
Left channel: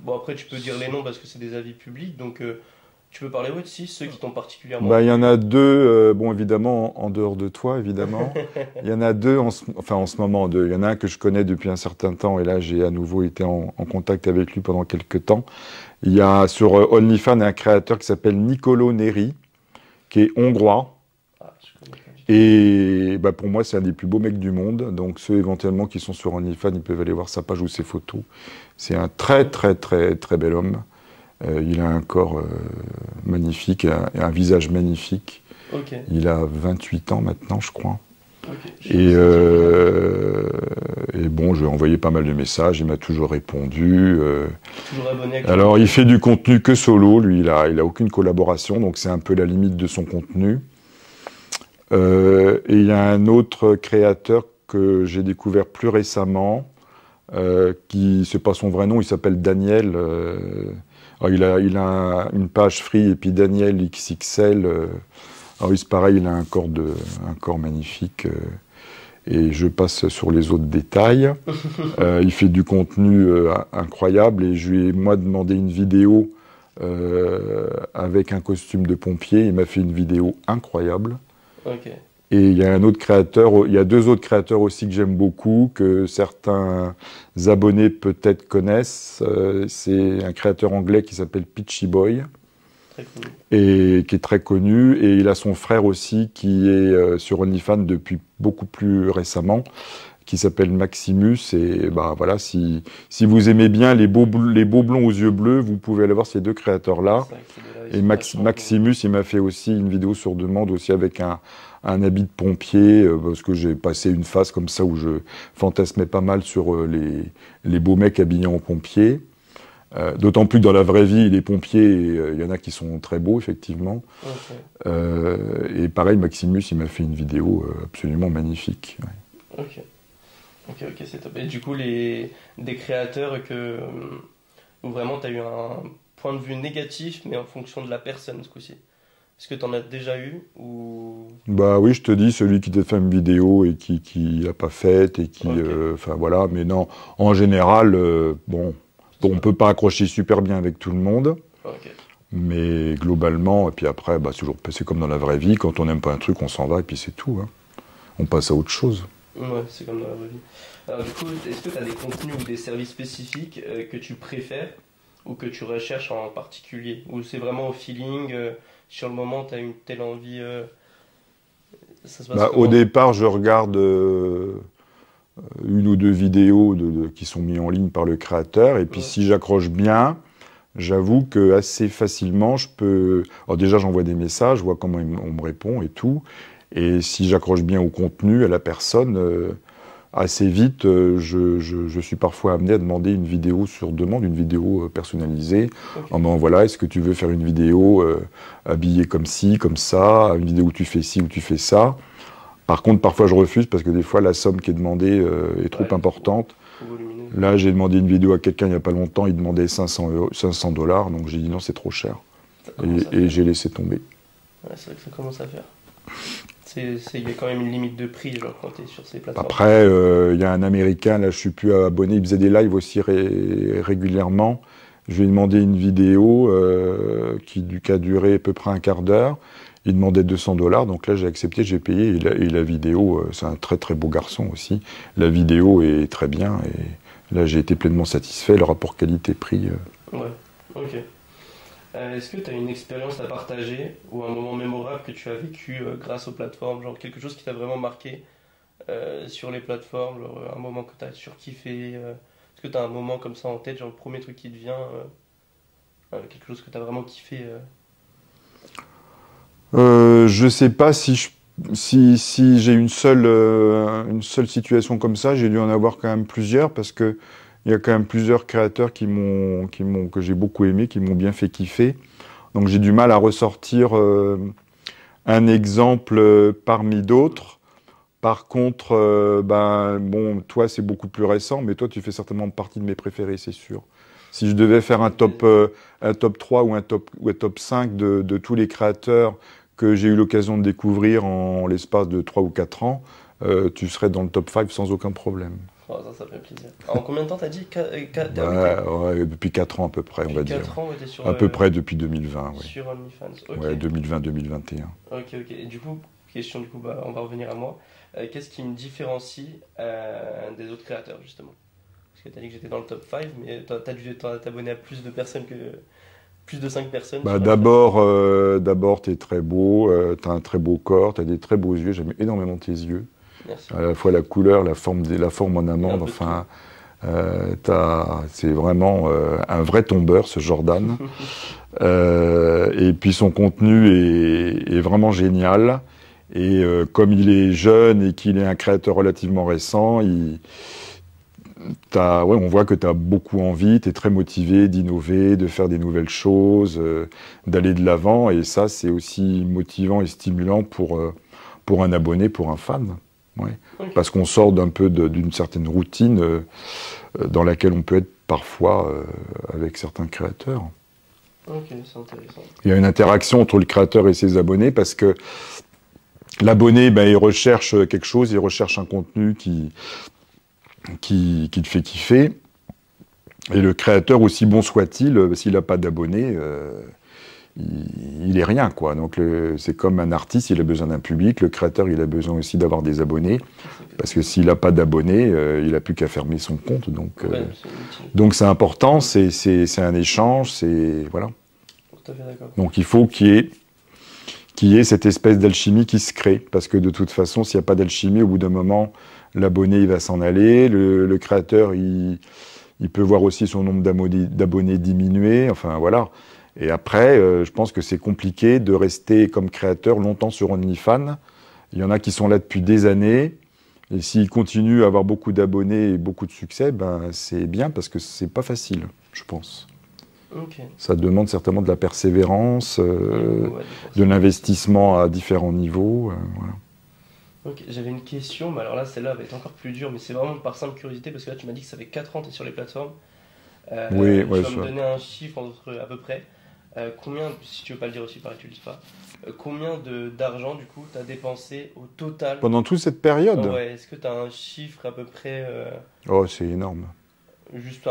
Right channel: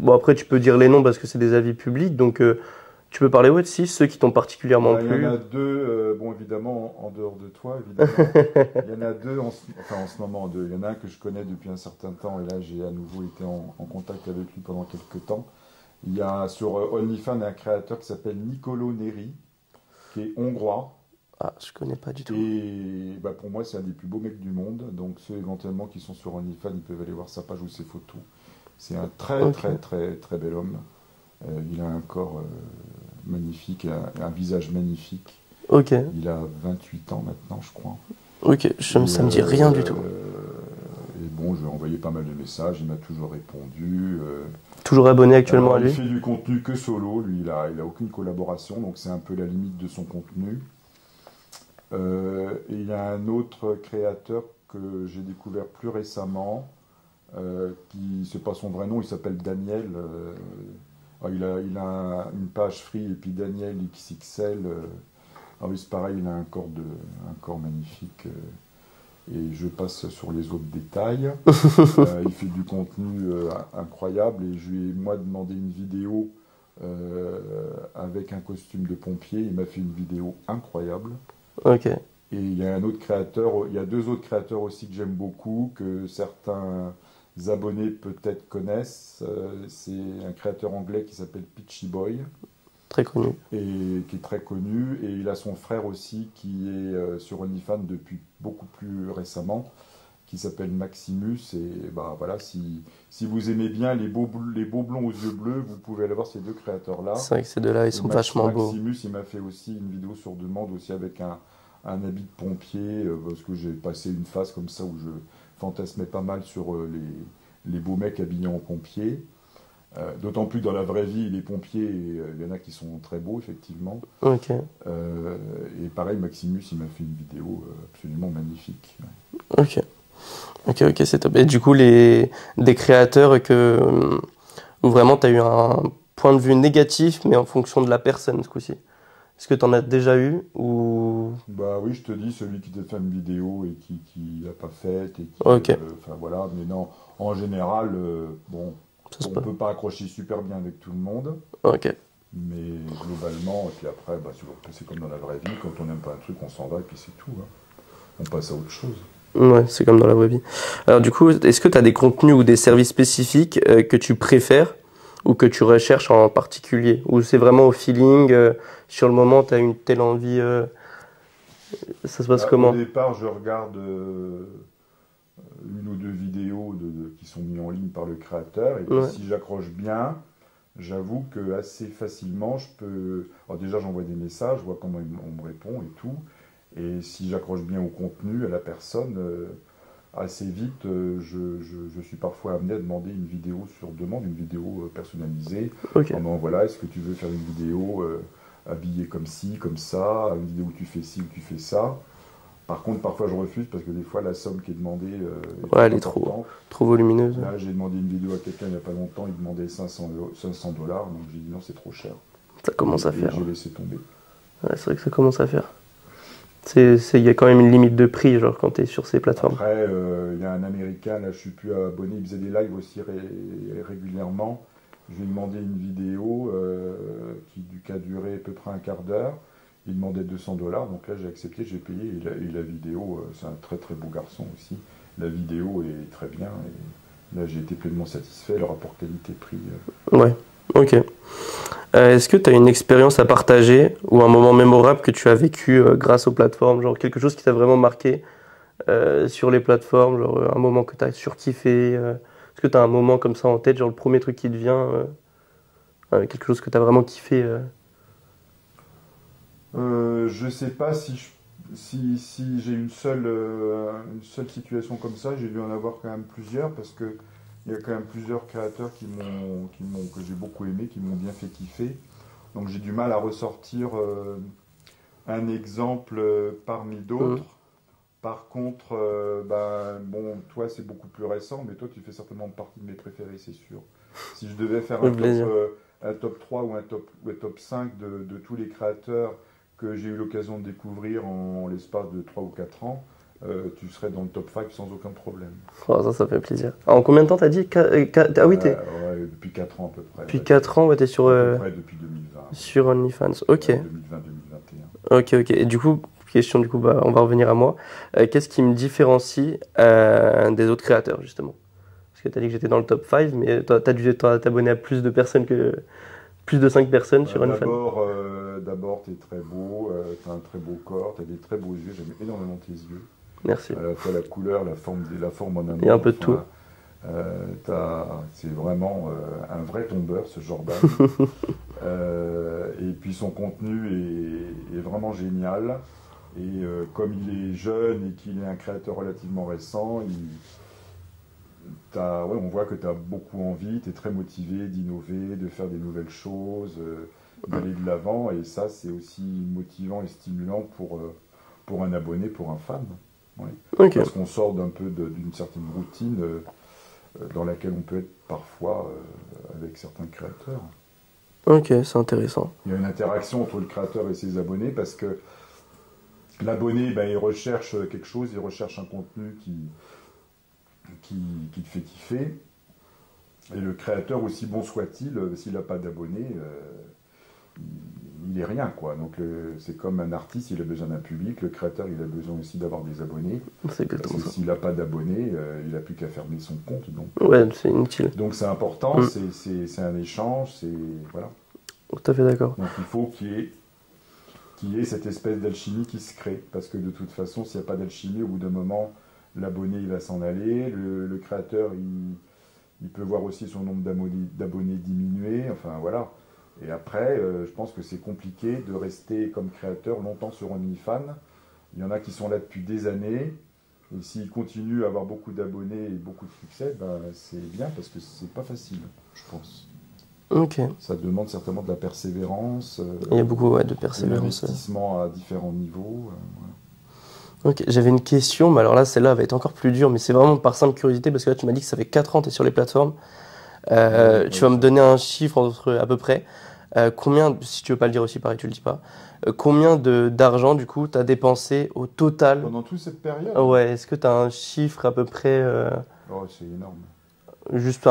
Bon, après, tu peux dire les noms parce que c'est des avis publics, donc tu peux parler, si, ceux qui t'ont particulièrement plu. Il y en a deux, bon, évidemment, en dehors de toi, évidemment. Il y en a deux, en ce moment, deux. Il y en a un que je connais depuis un certain temps, et là, j'ai à nouveau été en contact avec lui pendant quelques temps. Il y a sur OnlyFans un créateur qui s'appelle Nicolo Neri, qui est hongrois. Ah, je connais pas du tout. Et pour moi, c'est un des plus beaux mecs du monde. Donc, ceux éventuellement qui sont sur OnlyFans, ils peuvent aller voir sa page ou ses photos. C'est un très bel homme. Il a un corps magnifique, un visage magnifique. Okay. Il a 28 ans maintenant, je crois. Ok, ça me dit rien du tout. Et bon, je lui ai envoyé pas mal de messages, il m'a toujours répondu. Toujours abonné actuellement? Alors, il fait du contenu que solo, lui, il a aucune collaboration, donc c'est un peu la limite de son contenu. Et il y a un autre créateur que j'ai découvert plus récemment, c'est pas son vrai nom, il s'appelle Daniel. Il a une page free, et puis Daniel XXL. Alors c'est pareil, il a un corps magnifique. Et je passe sur les autres détails. Il fait du contenu incroyable, et je lui ai demandé une vidéo avec un costume de pompier. Il m'a fait une vidéo incroyable. Ok. Et il y a il y a deux autres créateurs aussi que j'aime beaucoup, que certains abonnés peut-être connaissent. C'est un créateur anglais qui s'appelle Pitchy Boy. Très connu. Et qui est très connu. Et il a son frère aussi qui est sur OnlyFans depuis beaucoup plus récemment, qui s'appelle Maximus. Et bah, voilà, si vous aimez bien les beaux blonds aux yeux bleus, vous pouvez aller voir ces deux créateurs-là. C'est vrai que ces deux-là, ils Et sont vachement beaux. Maximus, il m'a fait aussi une vidéo sur demande, aussi avec un habit de pompier, parce que j'ai passé une phase comme ça où je fantasmais pas mal sur les beaux mecs habillés en pompier. D'autant plus que dans la vraie vie, les pompiers, il y en a qui sont très beaux, effectivement. Ok, Et pareil, Maximus, il m'a fait une vidéo absolument magnifique. Ouais. ok, c'est top. Et du coup, des créateurs où vraiment tu as eu un point de vue négatif, mais en fonction de la personne ce coup-ci. Est-ce que tu en as déjà eu ou... Bah oui, je te dis, celui qui t'a fait une vidéo et qui l'a pas faite, et qui... Ok. Enfin voilà, mais non, en général, bon, Ça se on peut pas accrocher super bien avec tout le monde. Ok. Mais globalement, et puis après, bah, c'est comme dans la vraie vie, quand on n'aime pas un truc, on s'en va et puis c'est tout. Hein. On passe à autre chose. Ouais, c'est comme dans la vraie vie. Alors du coup, est-ce que tu as des contenus ou des services spécifiques que tu préfères ou que tu recherches en particulier? Ou c'est vraiment au feeling, sur le moment, tu as une telle envie, ça se passe Bah, comment? au départ, je regarde une ou deux vidéos qui sont mises en ligne par le créateur, et puis Ouais. si j'accroche bien, j'avoue que assez facilement, je peux... Alors déjà, j'envoie des messages, je vois comment on me répond et tout, et si j'accroche bien au contenu, à la personne... assez vite, je suis parfois amené à demander une vidéo sur demande, une vidéo personnalisée. Ok. En disant, voilà, est-ce que tu veux faire une vidéo habillée comme ci, comme ça, une vidéo où tu fais ci, où tu fais ça. Par contre, parfois je refuse parce que des fois la somme qui est demandée est trop Ouais, elle est importante. trop volumineuse. Là, j'ai demandé une vidéo à quelqu'un il n'y a pas longtemps, il demandait 500 $, donc j'ai dit non, c'est trop cher. Ça commence à Et faire. j'ai laissé tomber. Ouais, c'est vrai que ça commence à faire. Il y a quand même une limite de prix, genre, quand tu es sur ces plateformes. Après, il y a un Américain, là je suis plus abonné, il faisait des lives aussi régulièrement. Je lui ai demandé une vidéo qui a duré à peu près un quart d'heure. Il demandait 200 $, donc là j'ai accepté, j'ai payé. Et la vidéo, c'est un très très beau garçon aussi. La vidéo est très bien et là j'ai été pleinement satisfait. Le rapport qualité-prix. Ouais, ok. Est-ce que tu as une expérience à partager ou un moment mémorable que tu as vécu grâce aux plateformes, genre quelque chose qui t'a vraiment marqué sur les plateformes, genre un moment que tu as surkiffé est-ce que tu as un moment comme ça en tête, genre le premier truc qui te vient, quelque chose que tu as vraiment kiffé Je sais pas si j'ai une seule situation comme ça. J'ai dû en avoir quand même plusieurs parce que il y a quand même plusieurs créateurs que j'ai beaucoup aimé, qui m'ont bien fait kiffer. Donc j'ai du mal à ressortir un exemple parmi d'autres. Par contre, bon, toi c'est beaucoup plus récent, mais toi tu fais certainement partie de mes préférés, c'est sûr. Si je devais faire un top 3 ou un top 5 de tous les créateurs que j'ai eu l'occasion de découvrir en l'espace de 3 ou 4 ans, tu serais dans le top 5 sans aucun problème. Oh, ça fait plaisir. En combien de temps t'as dit Ah oui, ouais, depuis 4 ans à peu près. depuis 4 ans, ouais, t'es sur... À peu près depuis 2020. Ouais. Sur OnlyFans, ok. Ouais, 2020-2021. Ok. Et du coup, on va revenir à moi. Qu'est-ce qui me différencie des autres créateurs, justement? Parce que t'as dit que j'étais dans le top 5, mais t'as dû t'abonner à plus de personnes plus de 5 personnes sur OnlyFans. D'abord, t'es très beau, t'as un très beau corps, t'as des très beaux yeux, j'aime énormément tes yeux. Merci. À la fois la couleur, la forme en amont. Et un peu de tout. C'est vraiment un vrai tombeur, ce Jordan. Et puis son contenu est vraiment génial. Et comme il est jeune et qu'il est un créateur relativement récent, on voit que tu as beaucoup envie, tu es très motivé d'innover, de faire des nouvelles choses, d'aller de l'avant. Et ça, c'est aussi motivant et stimulant pour un abonné, pour un fan. Ouais. Okay. Parce qu'on sort d'un peu d'une certaine routine dans laquelle on peut être parfois avec certains créateurs. Ok, c'est intéressant. Il y a une interaction entre le créateur et ses abonnés parce que l'abonné, il recherche quelque chose, il recherche un contenu qui te fait kiffer. Et le créateur, aussi bon soit-il, s'il n'a pas d'abonnés, il est rien, quoi. Donc c'est comme un artiste, il a besoin d'un public, le créateur, il a besoin aussi d'avoir des abonnés. Parce que s'il n'a pas d'abonnés, il n'a plus qu'à fermer son compte. Donc, ouais, c'est inutile. Donc c'est important, c'est un échange, voilà. Tout à fait d'accord. Donc il faut qu'il y ait cette espèce d'alchimie qui se crée. Parce que de toute façon, s'il n'y a pas d'alchimie, au bout d'un moment, l'abonné il va s'en aller, le créateur il peut voir aussi son nombre d'abonnés diminuer, enfin voilà. Et après, je pense que c'est compliqué de rester comme créateur longtemps sur OnlyFans. Il y en a qui sont là depuis des années, et s'ils continuent à avoir beaucoup d'abonnés et beaucoup de succès, ben, c'est bien parce que c'est pas facile, je pense. Ok. Ça demande certainement de la persévérance, Il y a beaucoup de de personnes. l'investissement à différents niveaux. Voilà. Ok, j'avais une question, mais alors là, celle-là va être encore plus dure, mais c'est vraiment par simple curiosité, parce que là, tu m'as dit que ça fait 4 ans que tu es sur les plateformes. Oui, Tu ouais, vas me donner un chiffre entre, à peu près. Combien, si tu veux pas le dire aussi, pareil, tu le dis pas. Combien d'argent, du coup, tu as dépensé au total? Pendant toute cette période, Ouais, est-ce que tu as un chiffre à peu près, oh, c'est énorme. juste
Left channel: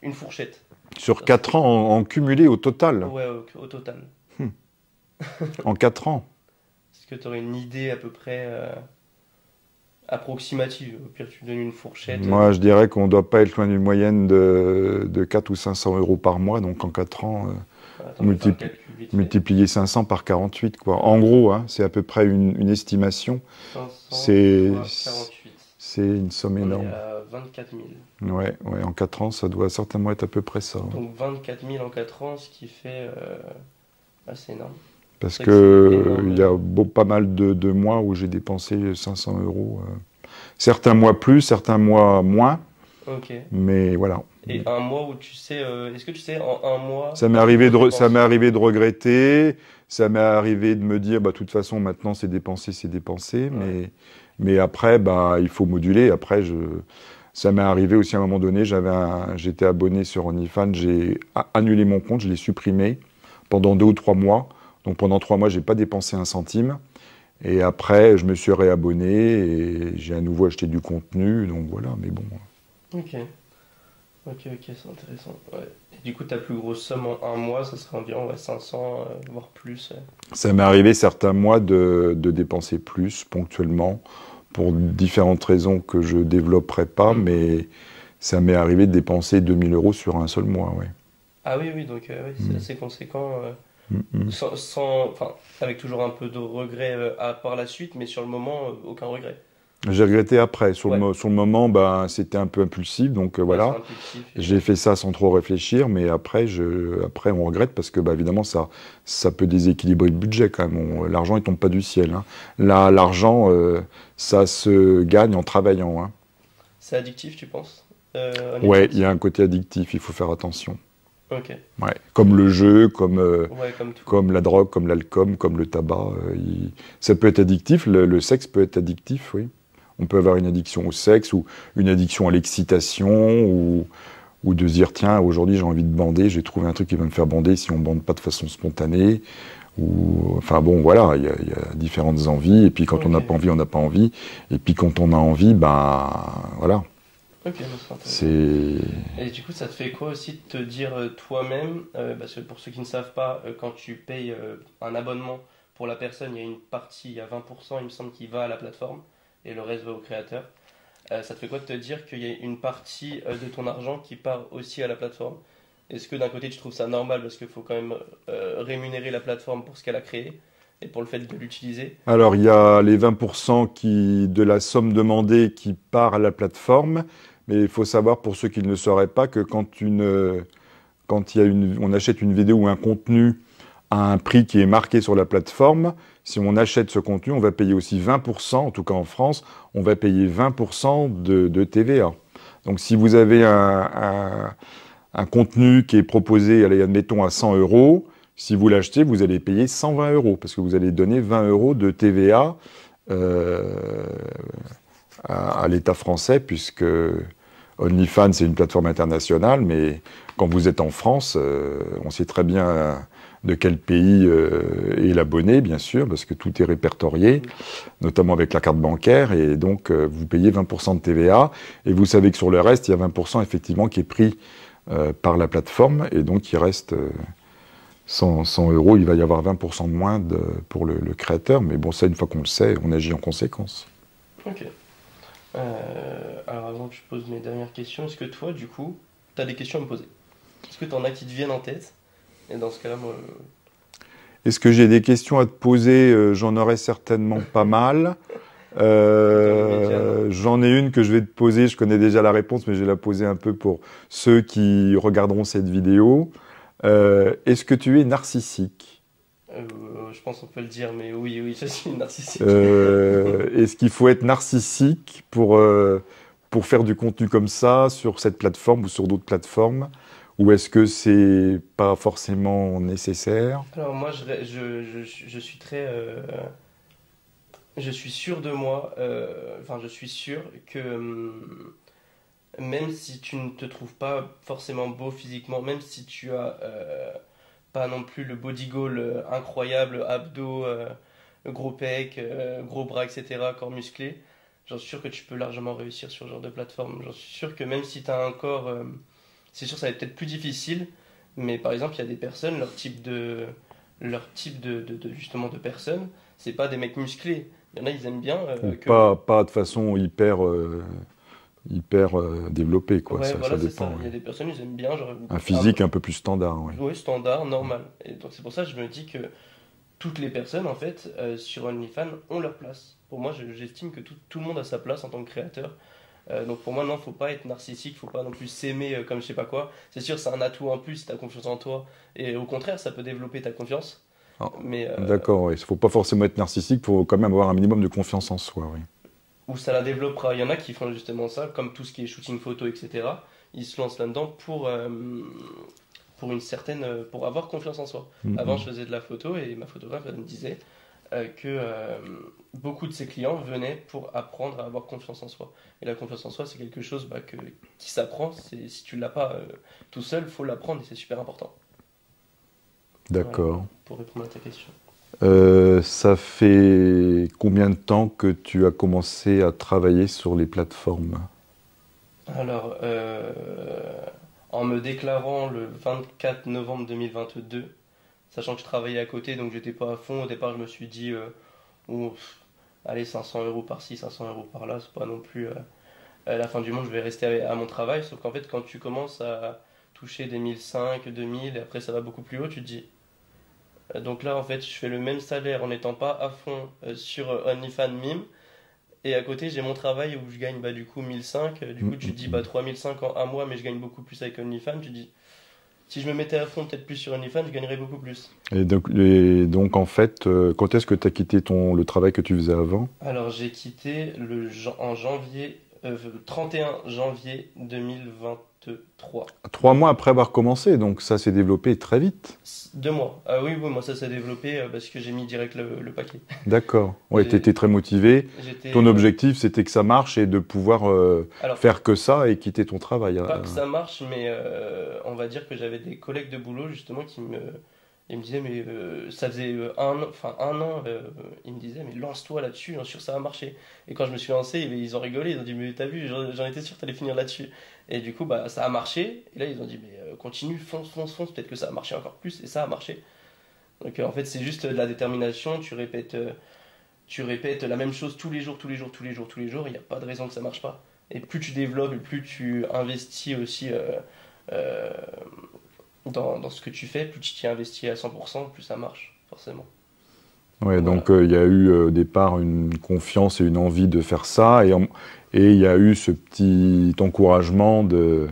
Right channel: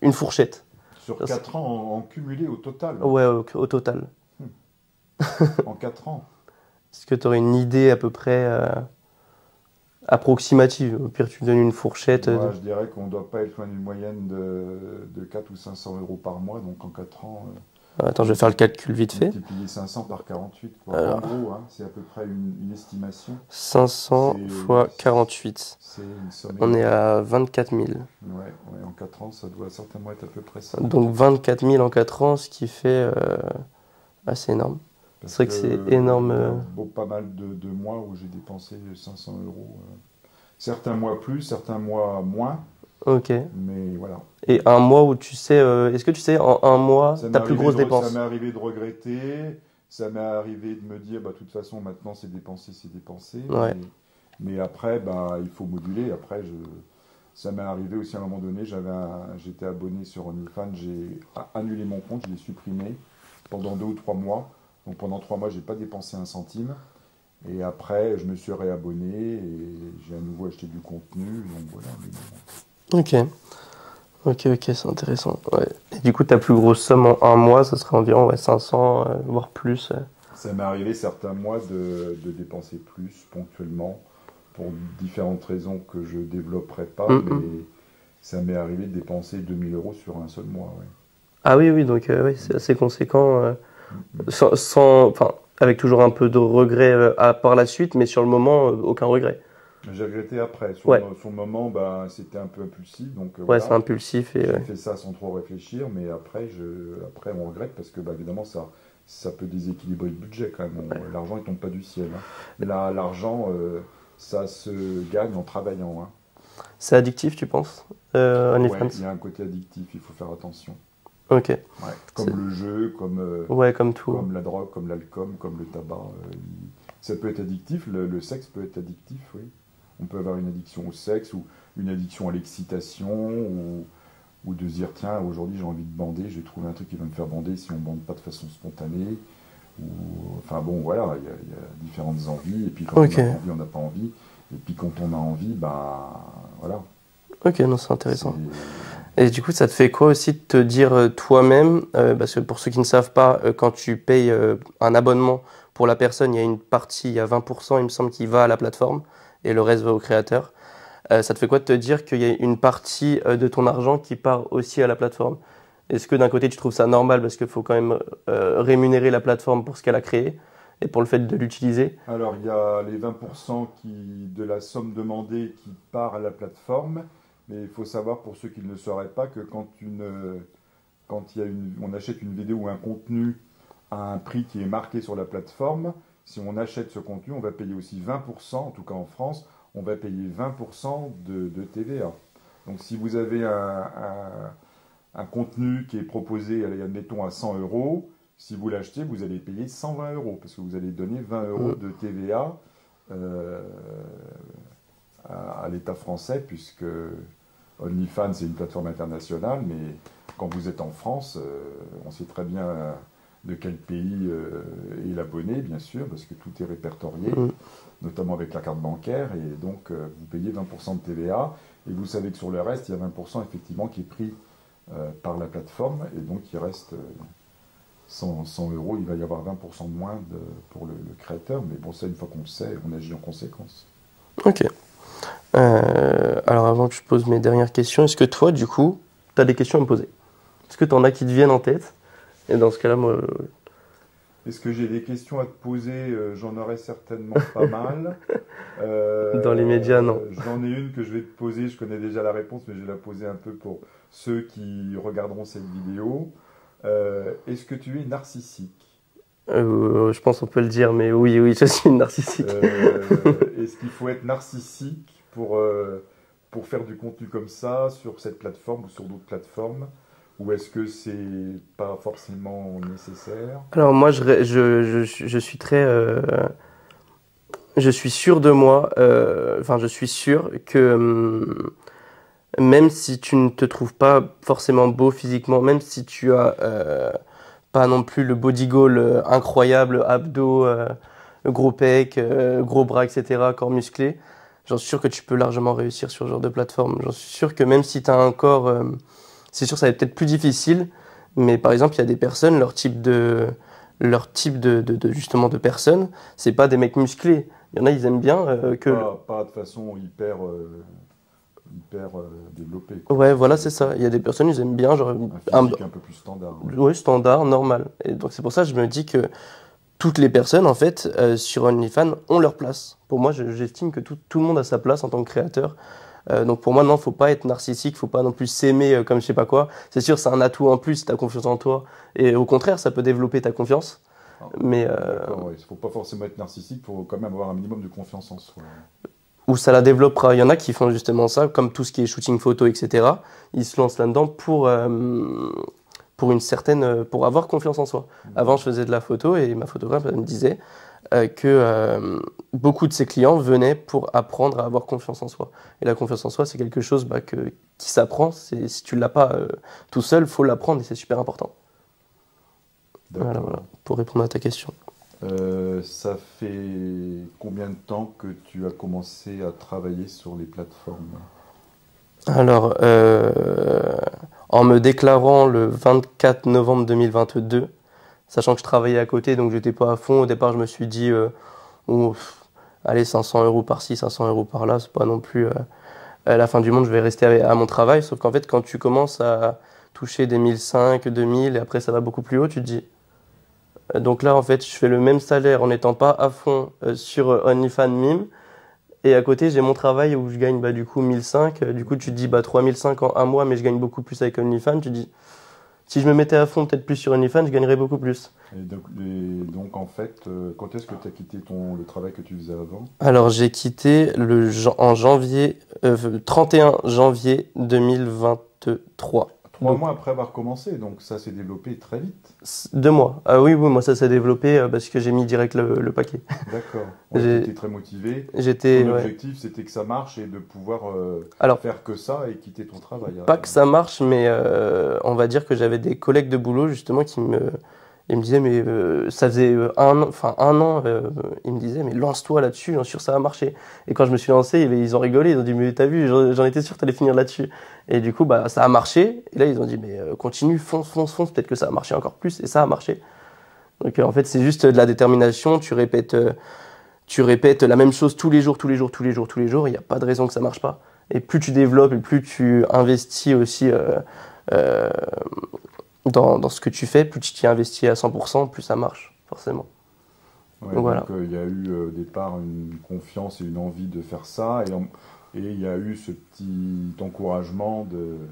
une fourchette? Sur 4 ans en cumulé au total. Ouais, au total. Hmm. En 4 ans. Est-ce que tu aurais une idée à peu près approximative? Au pire, tu me donnes une fourchette. Moi, je dirais qu'on ne doit pas être loin d'une moyenne de 4 ou 500 euros par mois. Donc en 4 ans, Attends, je vais faire le calcul vite fait. multiplier 500 par 48, quoi. Alors. En gros, hein, c'est à peu près une estimation. 500 fois 48. C'est une somme On énorme. est à 24 000. Ouais, en 4 ans, ça doit certainement être à peu près ça. Donc 24 000 en 4 ans, ce qui fait assez énorme. Parce c'est vrai que que c'est énorme, il y a pas mal de mois où j'ai dépensé 500 euros. Certains mois plus, certains mois moins. Ok. Mais voilà. Et un mois où tu sais, est-ce que tu sais en un mois, Ça m'est ta plus arrivé, grosse dépense? ça m'est arrivé de regretter. Ça m'est arrivé de me dire, bah, de toute façon, maintenant, c'est dépensé, c'est dépensé. Ouais. Mais après, bah, il faut moduler. Après, ça m'est arrivé aussi à un moment donné, j'étais abonné sur OnlyFans, j'ai annulé mon compte, je l'ai supprimé pendant 2 ou 3 mois. Donc pendant 3 mois, j'ai pas dépensé un centime. Et après, je me suis réabonné et j'ai à nouveau acheté du contenu. Donc voilà, mais bon. Ok. Ok, c'est intéressant. Ouais. Et du coup, ta plus grosse somme en un mois, ça serait environ 500, voire plus. Ça m'est arrivé certains mois de dépenser plus ponctuellement pour différentes raisons que je développerai pas, mais ça m'est arrivé de dépenser 2000 euros sur un seul mois. Ouais. Ah oui, donc oui, c'est assez conséquent. Mm. Enfin, avec toujours un peu de regret par la suite, mais sur le moment, aucun regret. J'ai regretté après. Sur, Ouais. sur le moment, bah, c'était un peu impulsif, donc Ouais, voilà. c'est impulsif. Et, J'ai fait ça sans trop réfléchir, mais après, après on regrette parce que bah, évidemment, ça peut déséquilibrer le budget quand même. L'argent, il tombe pas du ciel. Hein. Là, l'argent, ça se gagne en travaillant. Hein. C'est addictif, tu penses Ouais, il y a un côté addictif, il faut faire attention. Ok. Ouais. Comme le jeu, Ouais, comme tout. comme la drogue, comme l'alcool, comme le tabac. Ça peut être addictif, le sexe peut être addictif, oui. On peut avoir une addiction au sexe ou une addiction à l'excitation ou de se dire tiens, aujourd'hui j'ai envie de bander, j'ai trouvé un truc qui va me faire bander si on ne bande pas de façon spontanée. Enfin bon, voilà, il y a différentes envies. Et puis quand on n'a pas envie, on n'a pas envie. Et puis quand on a envie, ben voilà. Ok, non, c'est intéressant. Et du coup, ça te fait quoi aussi de te dire toi-même, parce que pour ceux qui ne savent pas, quand tu payes un abonnement pour la personne, il y a une partie, il y a 20%, il me semble, qui va à la plateforme et le reste va au créateur. Ça te fait quoi de te dire qu'il y a une partie de ton argent qui part aussi à la plateforme? Est-ce que d'un côté, tu trouves ça normal parce qu'il faut quand même rémunérer la plateforme pour ce qu'elle a créé et pour le fait de l'utiliser? Alors, il y a les 20% de la somme demandée qui part à la plateforme. Mais il faut savoir, pour ceux qui ne le sauraient pas, que quand on achète une vidéo ou un contenu à un prix qui est marqué sur la plateforme, si on achète ce contenu, on va payer aussi 20%, en tout cas en France, on va payer 20% de TVA. Donc si vous avez un contenu qui est proposé, allez, admettons, à 100 euros, si vous l'achetez, vous allez payer 120 euros, parce que vous allez donner 20 euros de TVA à l'État français, puisque OnlyFans, c'est une plateforme internationale, mais quand vous êtes en France, on sait très bien de quel pays est l'abonné, bien sûr, parce que tout est répertorié, notamment avec la carte bancaire, et donc vous payez 20% de TVA, et vous savez que sur le reste, il y a 20% effectivement qui est pris par la plateforme, et donc il reste 100 euros, il va y avoir 20% de moins pour le créateur, mais bon, ça, une fois qu'on le sait, on agit en conséquence. Ok. Alors avant que je pose mes dernières questions, est-ce que toi, du coup, tu as des questions à me poser? Est-ce que tu en as qui te viennent en tête? Et dans ce cas-là, moi... Est-ce que j'ai des questions à te poser? J'en aurais certainement pas mal. Dans les médias, non. J'en ai une que je vais te poser, je connais déjà la réponse, mais je vais la poser un peu pour ceux qui regarderont cette vidéo. Est-ce que tu es narcissique? Je pense qu'on peut le dire, mais oui, oui, je suis narcissique. Est-ce qu'il faut être narcissique pour faire du contenu comme ça sur cette plateforme ou sur d'autres plateformes? Ou est-ce que c'est pas forcément nécessaire? Alors moi, je suis très... je suis sûr de moi, enfin je suis sûr que même si tu ne te trouves pas forcément beau physiquement, même si tu as pas non plus le body goal incroyable, abdos, gros pecs, gros bras, etc., corps musclé, j'en suis sûr que tu peux largement réussir sur ce genre de plateforme. J'en suis sûr que même si tu as un corps, c'est sûr que ça va être peut-être plus difficile, mais par exemple, il y a des personnes, justement de personnes, c'est pas des mecs musclés. Il y en a, ils aiment bien que... Pas de façon hyper développée, quoi. Ouais, voilà, c'est dépend, ça. Il y a des personnes, ils aiment bien, genre... un physique un peu plus standard. Ouais. Ouais, standard, normal. Et donc c'est pour ça que je me dis que toutes les personnes, en fait, sur OnlyFans, ont leur place. Pour moi, j'estime que tout le monde a sa place en tant que créateur. Donc pour moi, non, faut pas être narcissique, faut pas non plus s'aimer comme je sais pas quoi. C'est sûr, c'est un atout en plus si tu as confiance en toi. Et au contraire, ça peut développer ta confiance. Ah, Mais d'accord, il ne faut pas forcément être narcissique, il faut quand même avoir un minimum de confiance en soi. Ouais. où ça la développera. Il y en a qui font justement ça, comme tout ce qui est shooting photo, etc. Ils se lancent là-dedans pour avoir confiance en soi. Avant, je faisais de la photo et ma photographe elle me disait que beaucoup de ses clients venaient pour apprendre à avoir confiance en soi. Et la confiance en soi, c'est quelque chose qui s'apprend. Si tu ne l'as pas tout seul, il faut l'apprendre et c'est super important. D'accord. Voilà, pour répondre à ta question. Ça fait combien de temps que tu as commencé à travailler sur les plateformes? Alors, en me déclarant le 24 novembre 2022, sachant que je travaillais à côté, donc j'étais pas à fond, au départ je me suis dit, allez, 500 euros par-ci, 500 euros par-là, c'est pas non plus à la fin du monde, je vais rester à mon travail. Sauf qu'en fait, quand tu commences à toucher des 1005, 2000, et après ça va beaucoup plus haut, tu te dis. Donc là, en fait, je fais le même salaire en n'étant pas à fond sur OnlyFans Mime. Et à côté, j'ai mon travail où je gagne du coup 1005. Du coup, tu te dis 3005 en un mois, mais je gagne beaucoup plus avec OnlyFans. Tu te dis, si je me mettais à fond peut-être plus sur OnlyFans, je gagnerais beaucoup plus. Et donc en fait, quand est-ce que tu as quitté le travail que tu faisais avant? Alors, j'ai quitté en janvier, 31 janvier 2023. 3 mois après avoir commencé, donc ça s'est développé très vite. 2 mois. Ah oui, oui, moi ça s'est développé parce que j'ai mis direct le paquet. D'accord. Ouais, tu étais très motivé. Ton objectif, c'était que ça marche et de pouvoir faire que ça et quitter ton travail. Pas que ça marche, mais on va dire que j'avais des collègues de boulot justement ils me disaient, mais ça faisait un an, ils me disaient, mais lance-toi là-dessus, j'en suis sûr que ça va marcher. Et quand je me suis lancé, ils ont rigolé, ils ont dit, mais t'as vu, j'en étais sûr que t'allais finir là-dessus. Et du coup, ça a marché. Et là, ils ont dit, mais continue, fonce, fonce, fonce, peut-être que ça va marcher encore plus. Et ça a marché. Donc en fait, c'est juste de la détermination, tu répètes la même chose tous les jours, tous les jours, tous les jours, tous les jours, il n'y a pas de raison que ça marche pas. Et plus tu développes et plus tu investis aussi dans ce que tu fais, plus tu t'y investis à 100%, plus ça marche, forcément. Ouais, donc il y a eu au départ une confiance et une envie de faire ça, et il y a eu ce petit encouragement de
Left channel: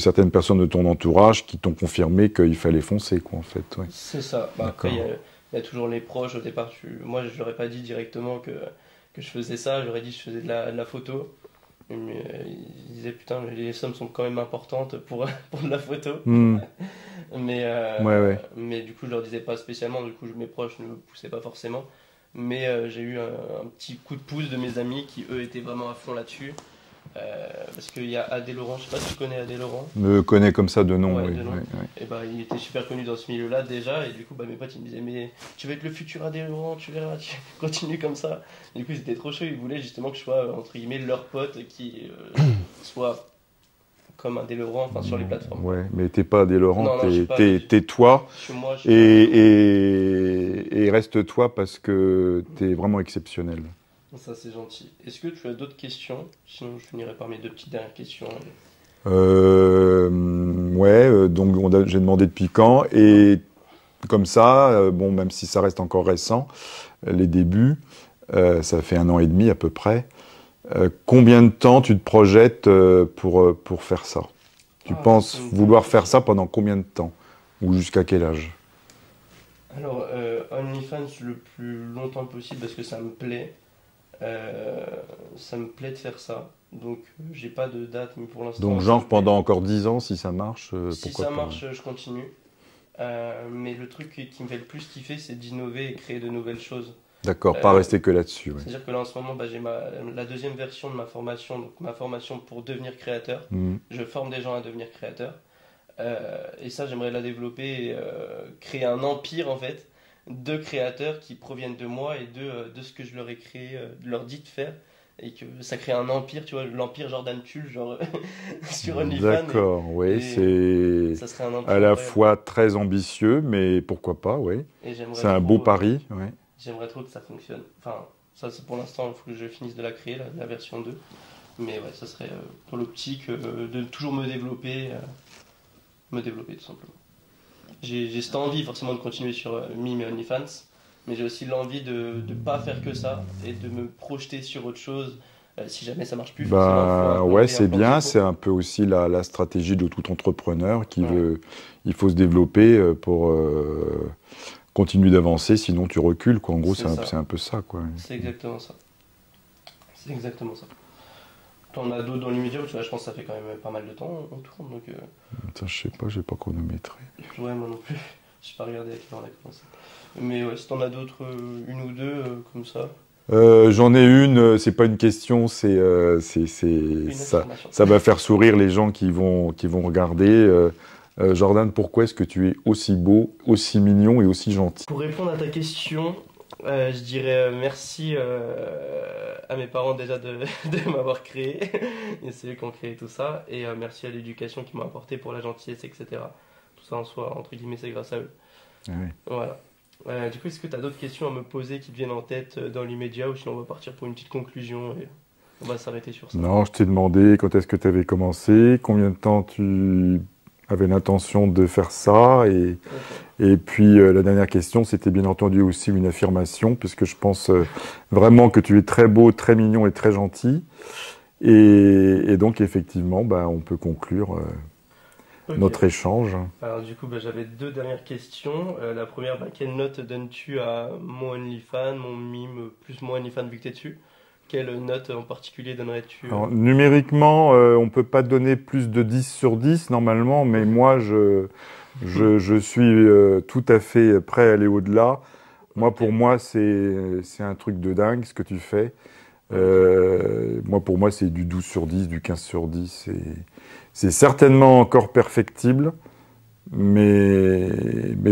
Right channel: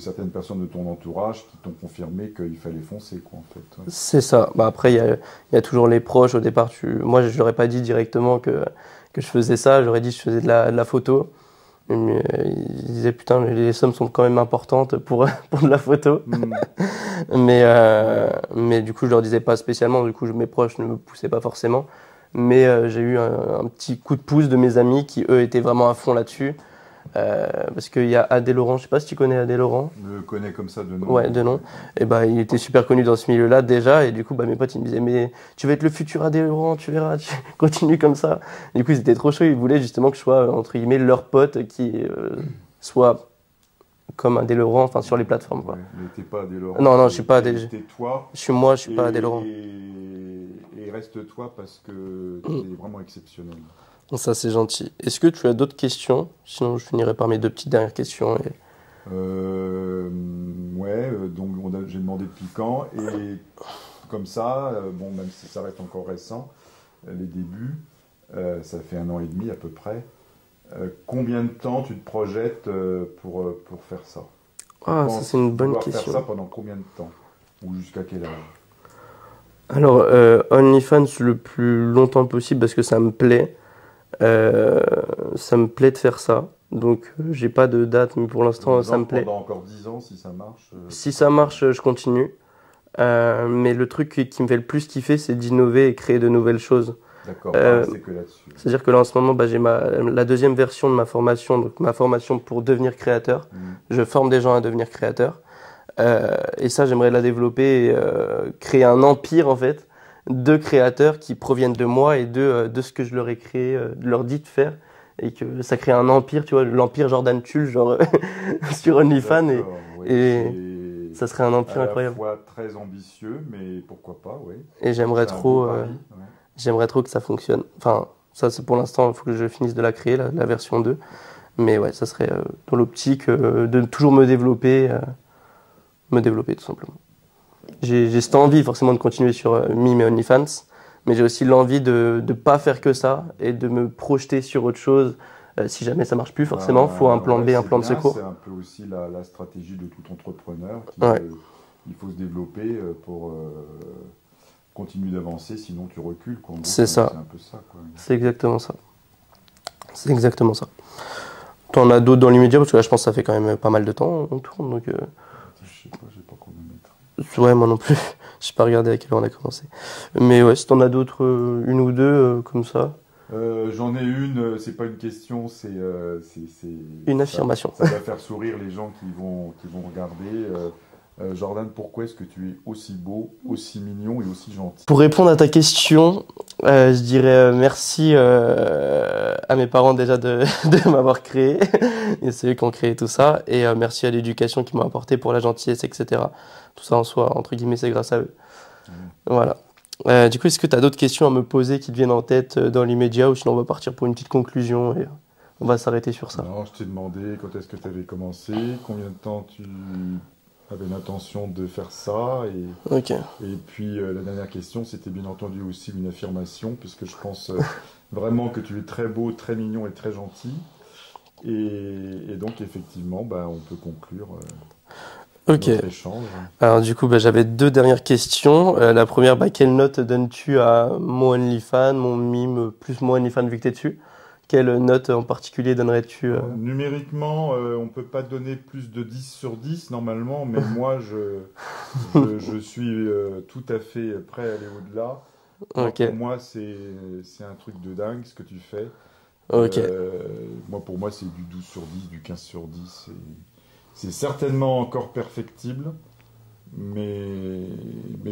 certaines personnes de ton entourage qui t'ont confirmé qu'il fallait foncer, quoi, en fait. Ouais. C'est ça. Après, il y a toujours les proches. Au départ, moi, je leur ai pas dit directement que je faisais ça. J'aurais dit que je faisais de la photo. Mais, ils disaient, putain, les sommes sont quand même importantes pour de la photo. Mais du coup, je leur disais pas spécialement. Du coup, mes proches ne me poussaient pas forcément. Mais j'ai eu un petit coup de pouce de mes amis qui, eux, étaient vraiment à fond là-dessus. Parce qu'il y a Adé Laurent, je sais pas si tu connais Adé Laurent. Me connais comme ça de nom. Ouais, de nom. Et il était super connu dans ce milieu-là déjà, et du coup mes potes ils me disaient, mais tu vas être le futur Adé Laurent, tu verras, tu continues comme ça. Et du coup ils étaient trop chauds, ils voulaient justement que je sois entre guillemets leur pote qui soit comme Adé Laurent, enfin sur les plateformes. Ouais, mais t'es pas Adé Laurent. Non, je suis pas Adé. T'es toi. Je suis moi, je suis pas Adé Laurent. Et reste toi parce que t'es vraiment exceptionnel. Ça, c'est gentil. Est-ce que tu as d'autres questions? Sinon, je finirai par mes 2 petites dernières questions. Donc j'ai demandé depuis quand. Et comme ça, même si ça reste encore récent, les débuts, Ça fait 1 an et demi à peu près. Combien de temps tu te projettes pour faire ça? Tu penses c'est une bonne vouloir faire question. ça pendant combien de temps? Ou jusqu'à quel âge? Alors, OnlyFans le plus longtemps possible parce que ça me plaît. Ça me plaît de faire ça. Donc, j'ai pas de date, mais pour Donc, l'instant, ça me genre plaît. pendant encore 10 ans, si ça marche, Si pourquoi ça pas, ouais. marche, je continue. Mais le truc qui me fait le plus kiffer, c'est d'innover et créer de nouvelles choses. D'accord, pas Euh, rester que là-dessus. Ouais. C'est-à-dire que là, en ce moment, bah, j'ai la deuxième version de ma formation, donc ma formation pour devenir créateur. Mhm. Je forme des gens à devenir créateurs. Et ça, j'aimerais la développer et créer un empire, en fait, de créateurs qui proviennent de moi et de ce que je leur ai créé, leur dit de faire. Et que ça crée un empire, tu vois, l'empire Jordan Tulle, genre sur OnlyFans. D'accord, oui, Et c'est ça serait un à empire la incroyable. fois très ambitieux, mais pourquoi pas, oui. Et C'est un beau pari, oui. j'aimerais trop que ça fonctionne. Enfin, ça, c'est pour l'instant, il faut que je finisse de la créer, la version 2. Mais ouais, ça serait dans l'optique de toujours me développer tout simplement. J'ai cette envie forcément de continuer sur Mime et OnlyFans, mais j'ai aussi l'envie de ne pas faire que ça et de me projeter sur autre chose. Si jamais ça marche plus, forcément, il faut un Bah plan ouais, B, un c'est plan de bien, secours. c'est un peu aussi la stratégie de tout entrepreneur qui Ouais, veut, il faut se développer pour continuer d'avancer, sinon tu recules, quoi. En gros, c'est c'est ça. un peu ça, quoi. C'est exactement ça. C'est exactement ça. T'en as d'autres dans l'immédiat, parce que là, je pense que ça fait quand même pas mal de temps on tourne. Donc, Attends, je sais pas, j'ai pas chronométré. ouais, moi non plus. Je sais pas regarder à quelle heure on a commencé. Mais ouais, si t'en as d'autres, une ou deux, comme ça. J'en ai une, c'est pas une question, Une affirmation. ça va faire sourire les gens qui vont regarder. Jordan, pourquoi est-ce que tu es aussi beau, aussi mignon et aussi gentil? Pour répondre à ta question, je dirais merci à mes parents déjà de m'avoir créé. Et c'est eux qui ont créé tout ça. Et merci à l'éducation qu'ils m'ont apporté pour la gentillesse, etc. Tout ça en soi, entre guillemets, c'est grâce à eux. Ouais. Voilà. Du coup, est-ce que tu as d'autres questions à me poser qui te viennent en tête dans l'immédiat ou sinon on va partir pour une petite conclusion et on va s'arrêter sur ça. Non, je t'ai demandé quand est-ce que tu avais commencé, combien de temps tu avais l'intention de faire ça, Ok. et puis la dernière question, c'était bien entendu aussi une affirmation, puisque je pense vraiment que tu es très beau, très mignon et très gentil, et donc effectivement, ben, on peut conclure Ok. notre échange. Alors du coup, bah, j'avais deux dernières questions. La première, bah, quelle note donnes-tu à mon OnlyFans, mon mime, plus mon OnlyFans vu que t'es dessus? Quelle note en particulier donnerais-tu Alors, numériquement, on ne peut pas donner plus de 10 sur 10 normalement, mais moi, je suis tout à fait prêt à aller au-delà. Moi, Ok. pour moi, c'est un truc de dingue ce que tu fais. Ok. Moi, pour moi, c'est du 12 sur 10, du 15 sur 10. C'est certainement encore perfectible, mais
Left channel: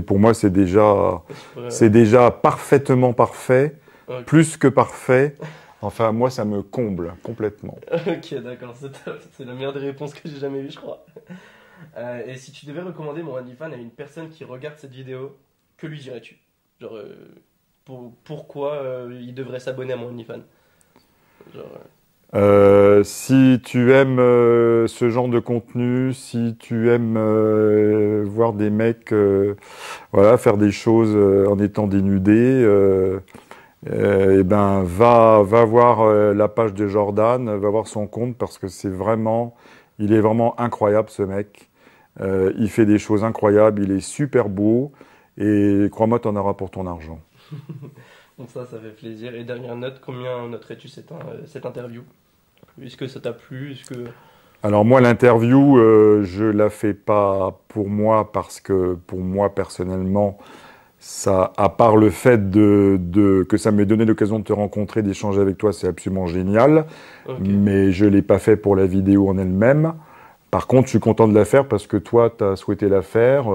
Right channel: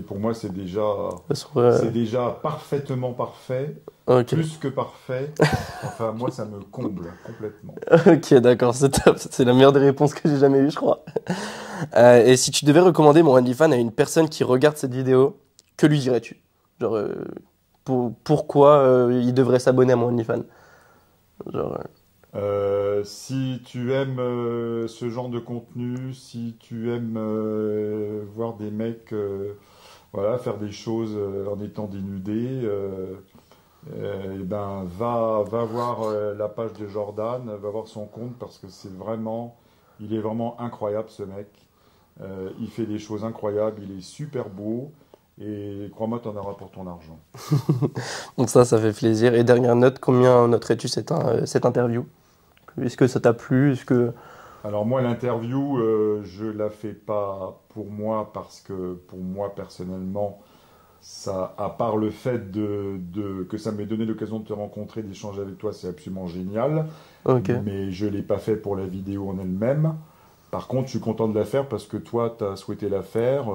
pour moi, Parce que, c'est déjà parfaitement parfait, ok. plus que parfait. Enfin, moi, ça me comble complètement. Ok, d'accord, c'est top. C'est la meilleure des réponses que j'ai jamais eues, je crois. Et si tu devais recommander mon OnlyFans à une personne qui regarde cette vidéo, que lui dirais-tu? Genre, pourquoi il devrait s'abonner à mon OnlyFans? Genre, Si tu aimes ce genre de contenu, si tu aimes voir des mecs voilà, faire des choses en étant dénudés, eh ben, va voir la page de Jordan, va voir son compte parce que il est vraiment incroyable ce mec. Il fait des choses incroyables, il est super beau et crois-moi, tu en auras pour ton argent. donc ça fait plaisir. Et dernière note, combien noterais-tu cette interview? Est-ce que ça t'a plu? Est-ce que... Alors moi, l'interview, je la fais pas pour moi parce que pour moi personnellement, ça, à part le fait que ça m'ait donné l'occasion de te rencontrer, d'échanger avec toi, c'est absolument génial. Ok. Mais je l'ai pas fait pour la vidéo en elle-même. Par contre, je suis content de la faire parce que toi, tu as souhaité la faire.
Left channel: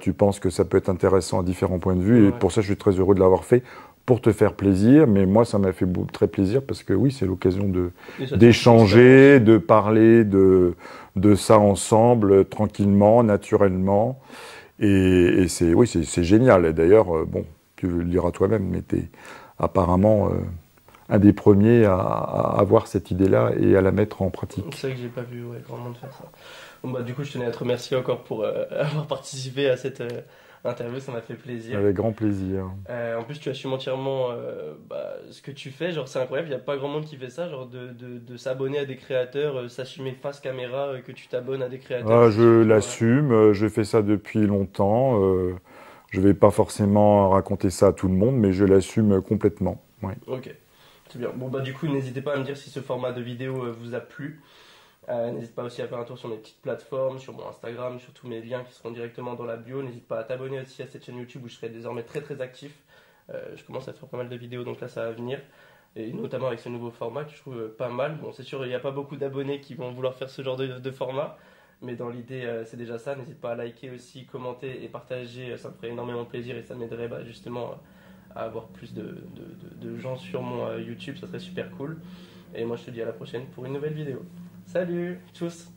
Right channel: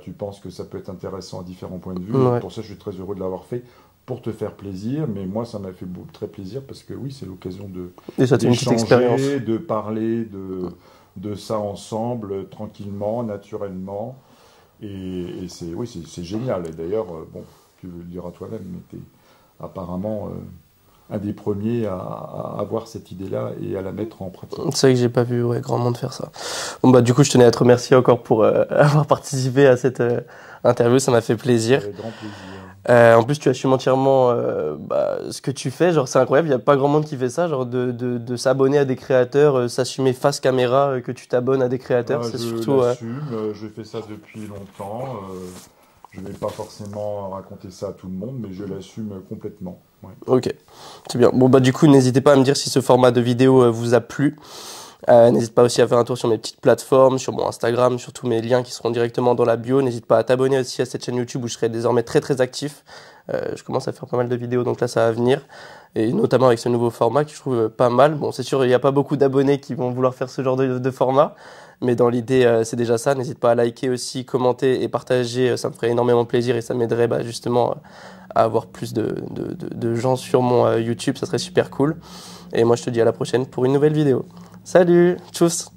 Tu penses que ça peut être intéressant à différents points de vue. Et Ouais. pour ça, je suis très heureux de l'avoir fait pour te faire plaisir. Mais moi, ça m'a fait très plaisir parce que oui, c'est l'occasion Déjà, c'est une petite d'échanger, expérience. de parler de ça ensemble, tranquillement, naturellement. Et oui, c'est génial. Et d'ailleurs, bon, tu le diras toi-même, mais apparemment, un des premiers à avoir cette idée-là et à la mettre en pratique. C'est vrai que j'ai pas vu grand monde faire ça. Bon bah du coup je tenais à te remercier encore pour avoir participé à cette interview, ça m'a fait plaisir. Avec grand plaisir. En plus tu assumes entièrement ce que tu fais, genre c'est incroyable, il y a pas grand monde qui fait ça, genre de s'abonner à des créateurs, s'assumer face caméra, que tu t'abonnes à des créateurs. Je l'assume, je fais ça depuis longtemps. Je vais pas forcément raconter ça à tout le monde, mais je l'assume complètement. Ouais. Ok, c'est bien. Bon bah du coup n'hésitez pas à me dire si ce format de vidéo vous a plu. N'hésite pas aussi à faire un tour sur mes petites plateformes, sur mon Instagram, sur tous mes liens qui seront directement dans la bio. N'hésite pas à t'abonner aussi à cette chaîne YouTube où je serai désormais très très actif. Je commence à faire pas mal de vidéos, donc là ça va venir. Et notamment avec ce nouveau format que je trouve pas mal. Bon, c'est sûr, il n'y a pas beaucoup d'abonnés qui vont vouloir faire ce genre de format. Mais dans l'idée, c'est déjà ça. N'hésite pas à liker aussi, commenter et partager. Ça me ferait énormément plaisir et ça m'aiderait justement à avoir plus de gens sur mon YouTube. Ça serait super cool. Et moi, je te dis à la prochaine pour une nouvelle vidéo. Salut, tchuss!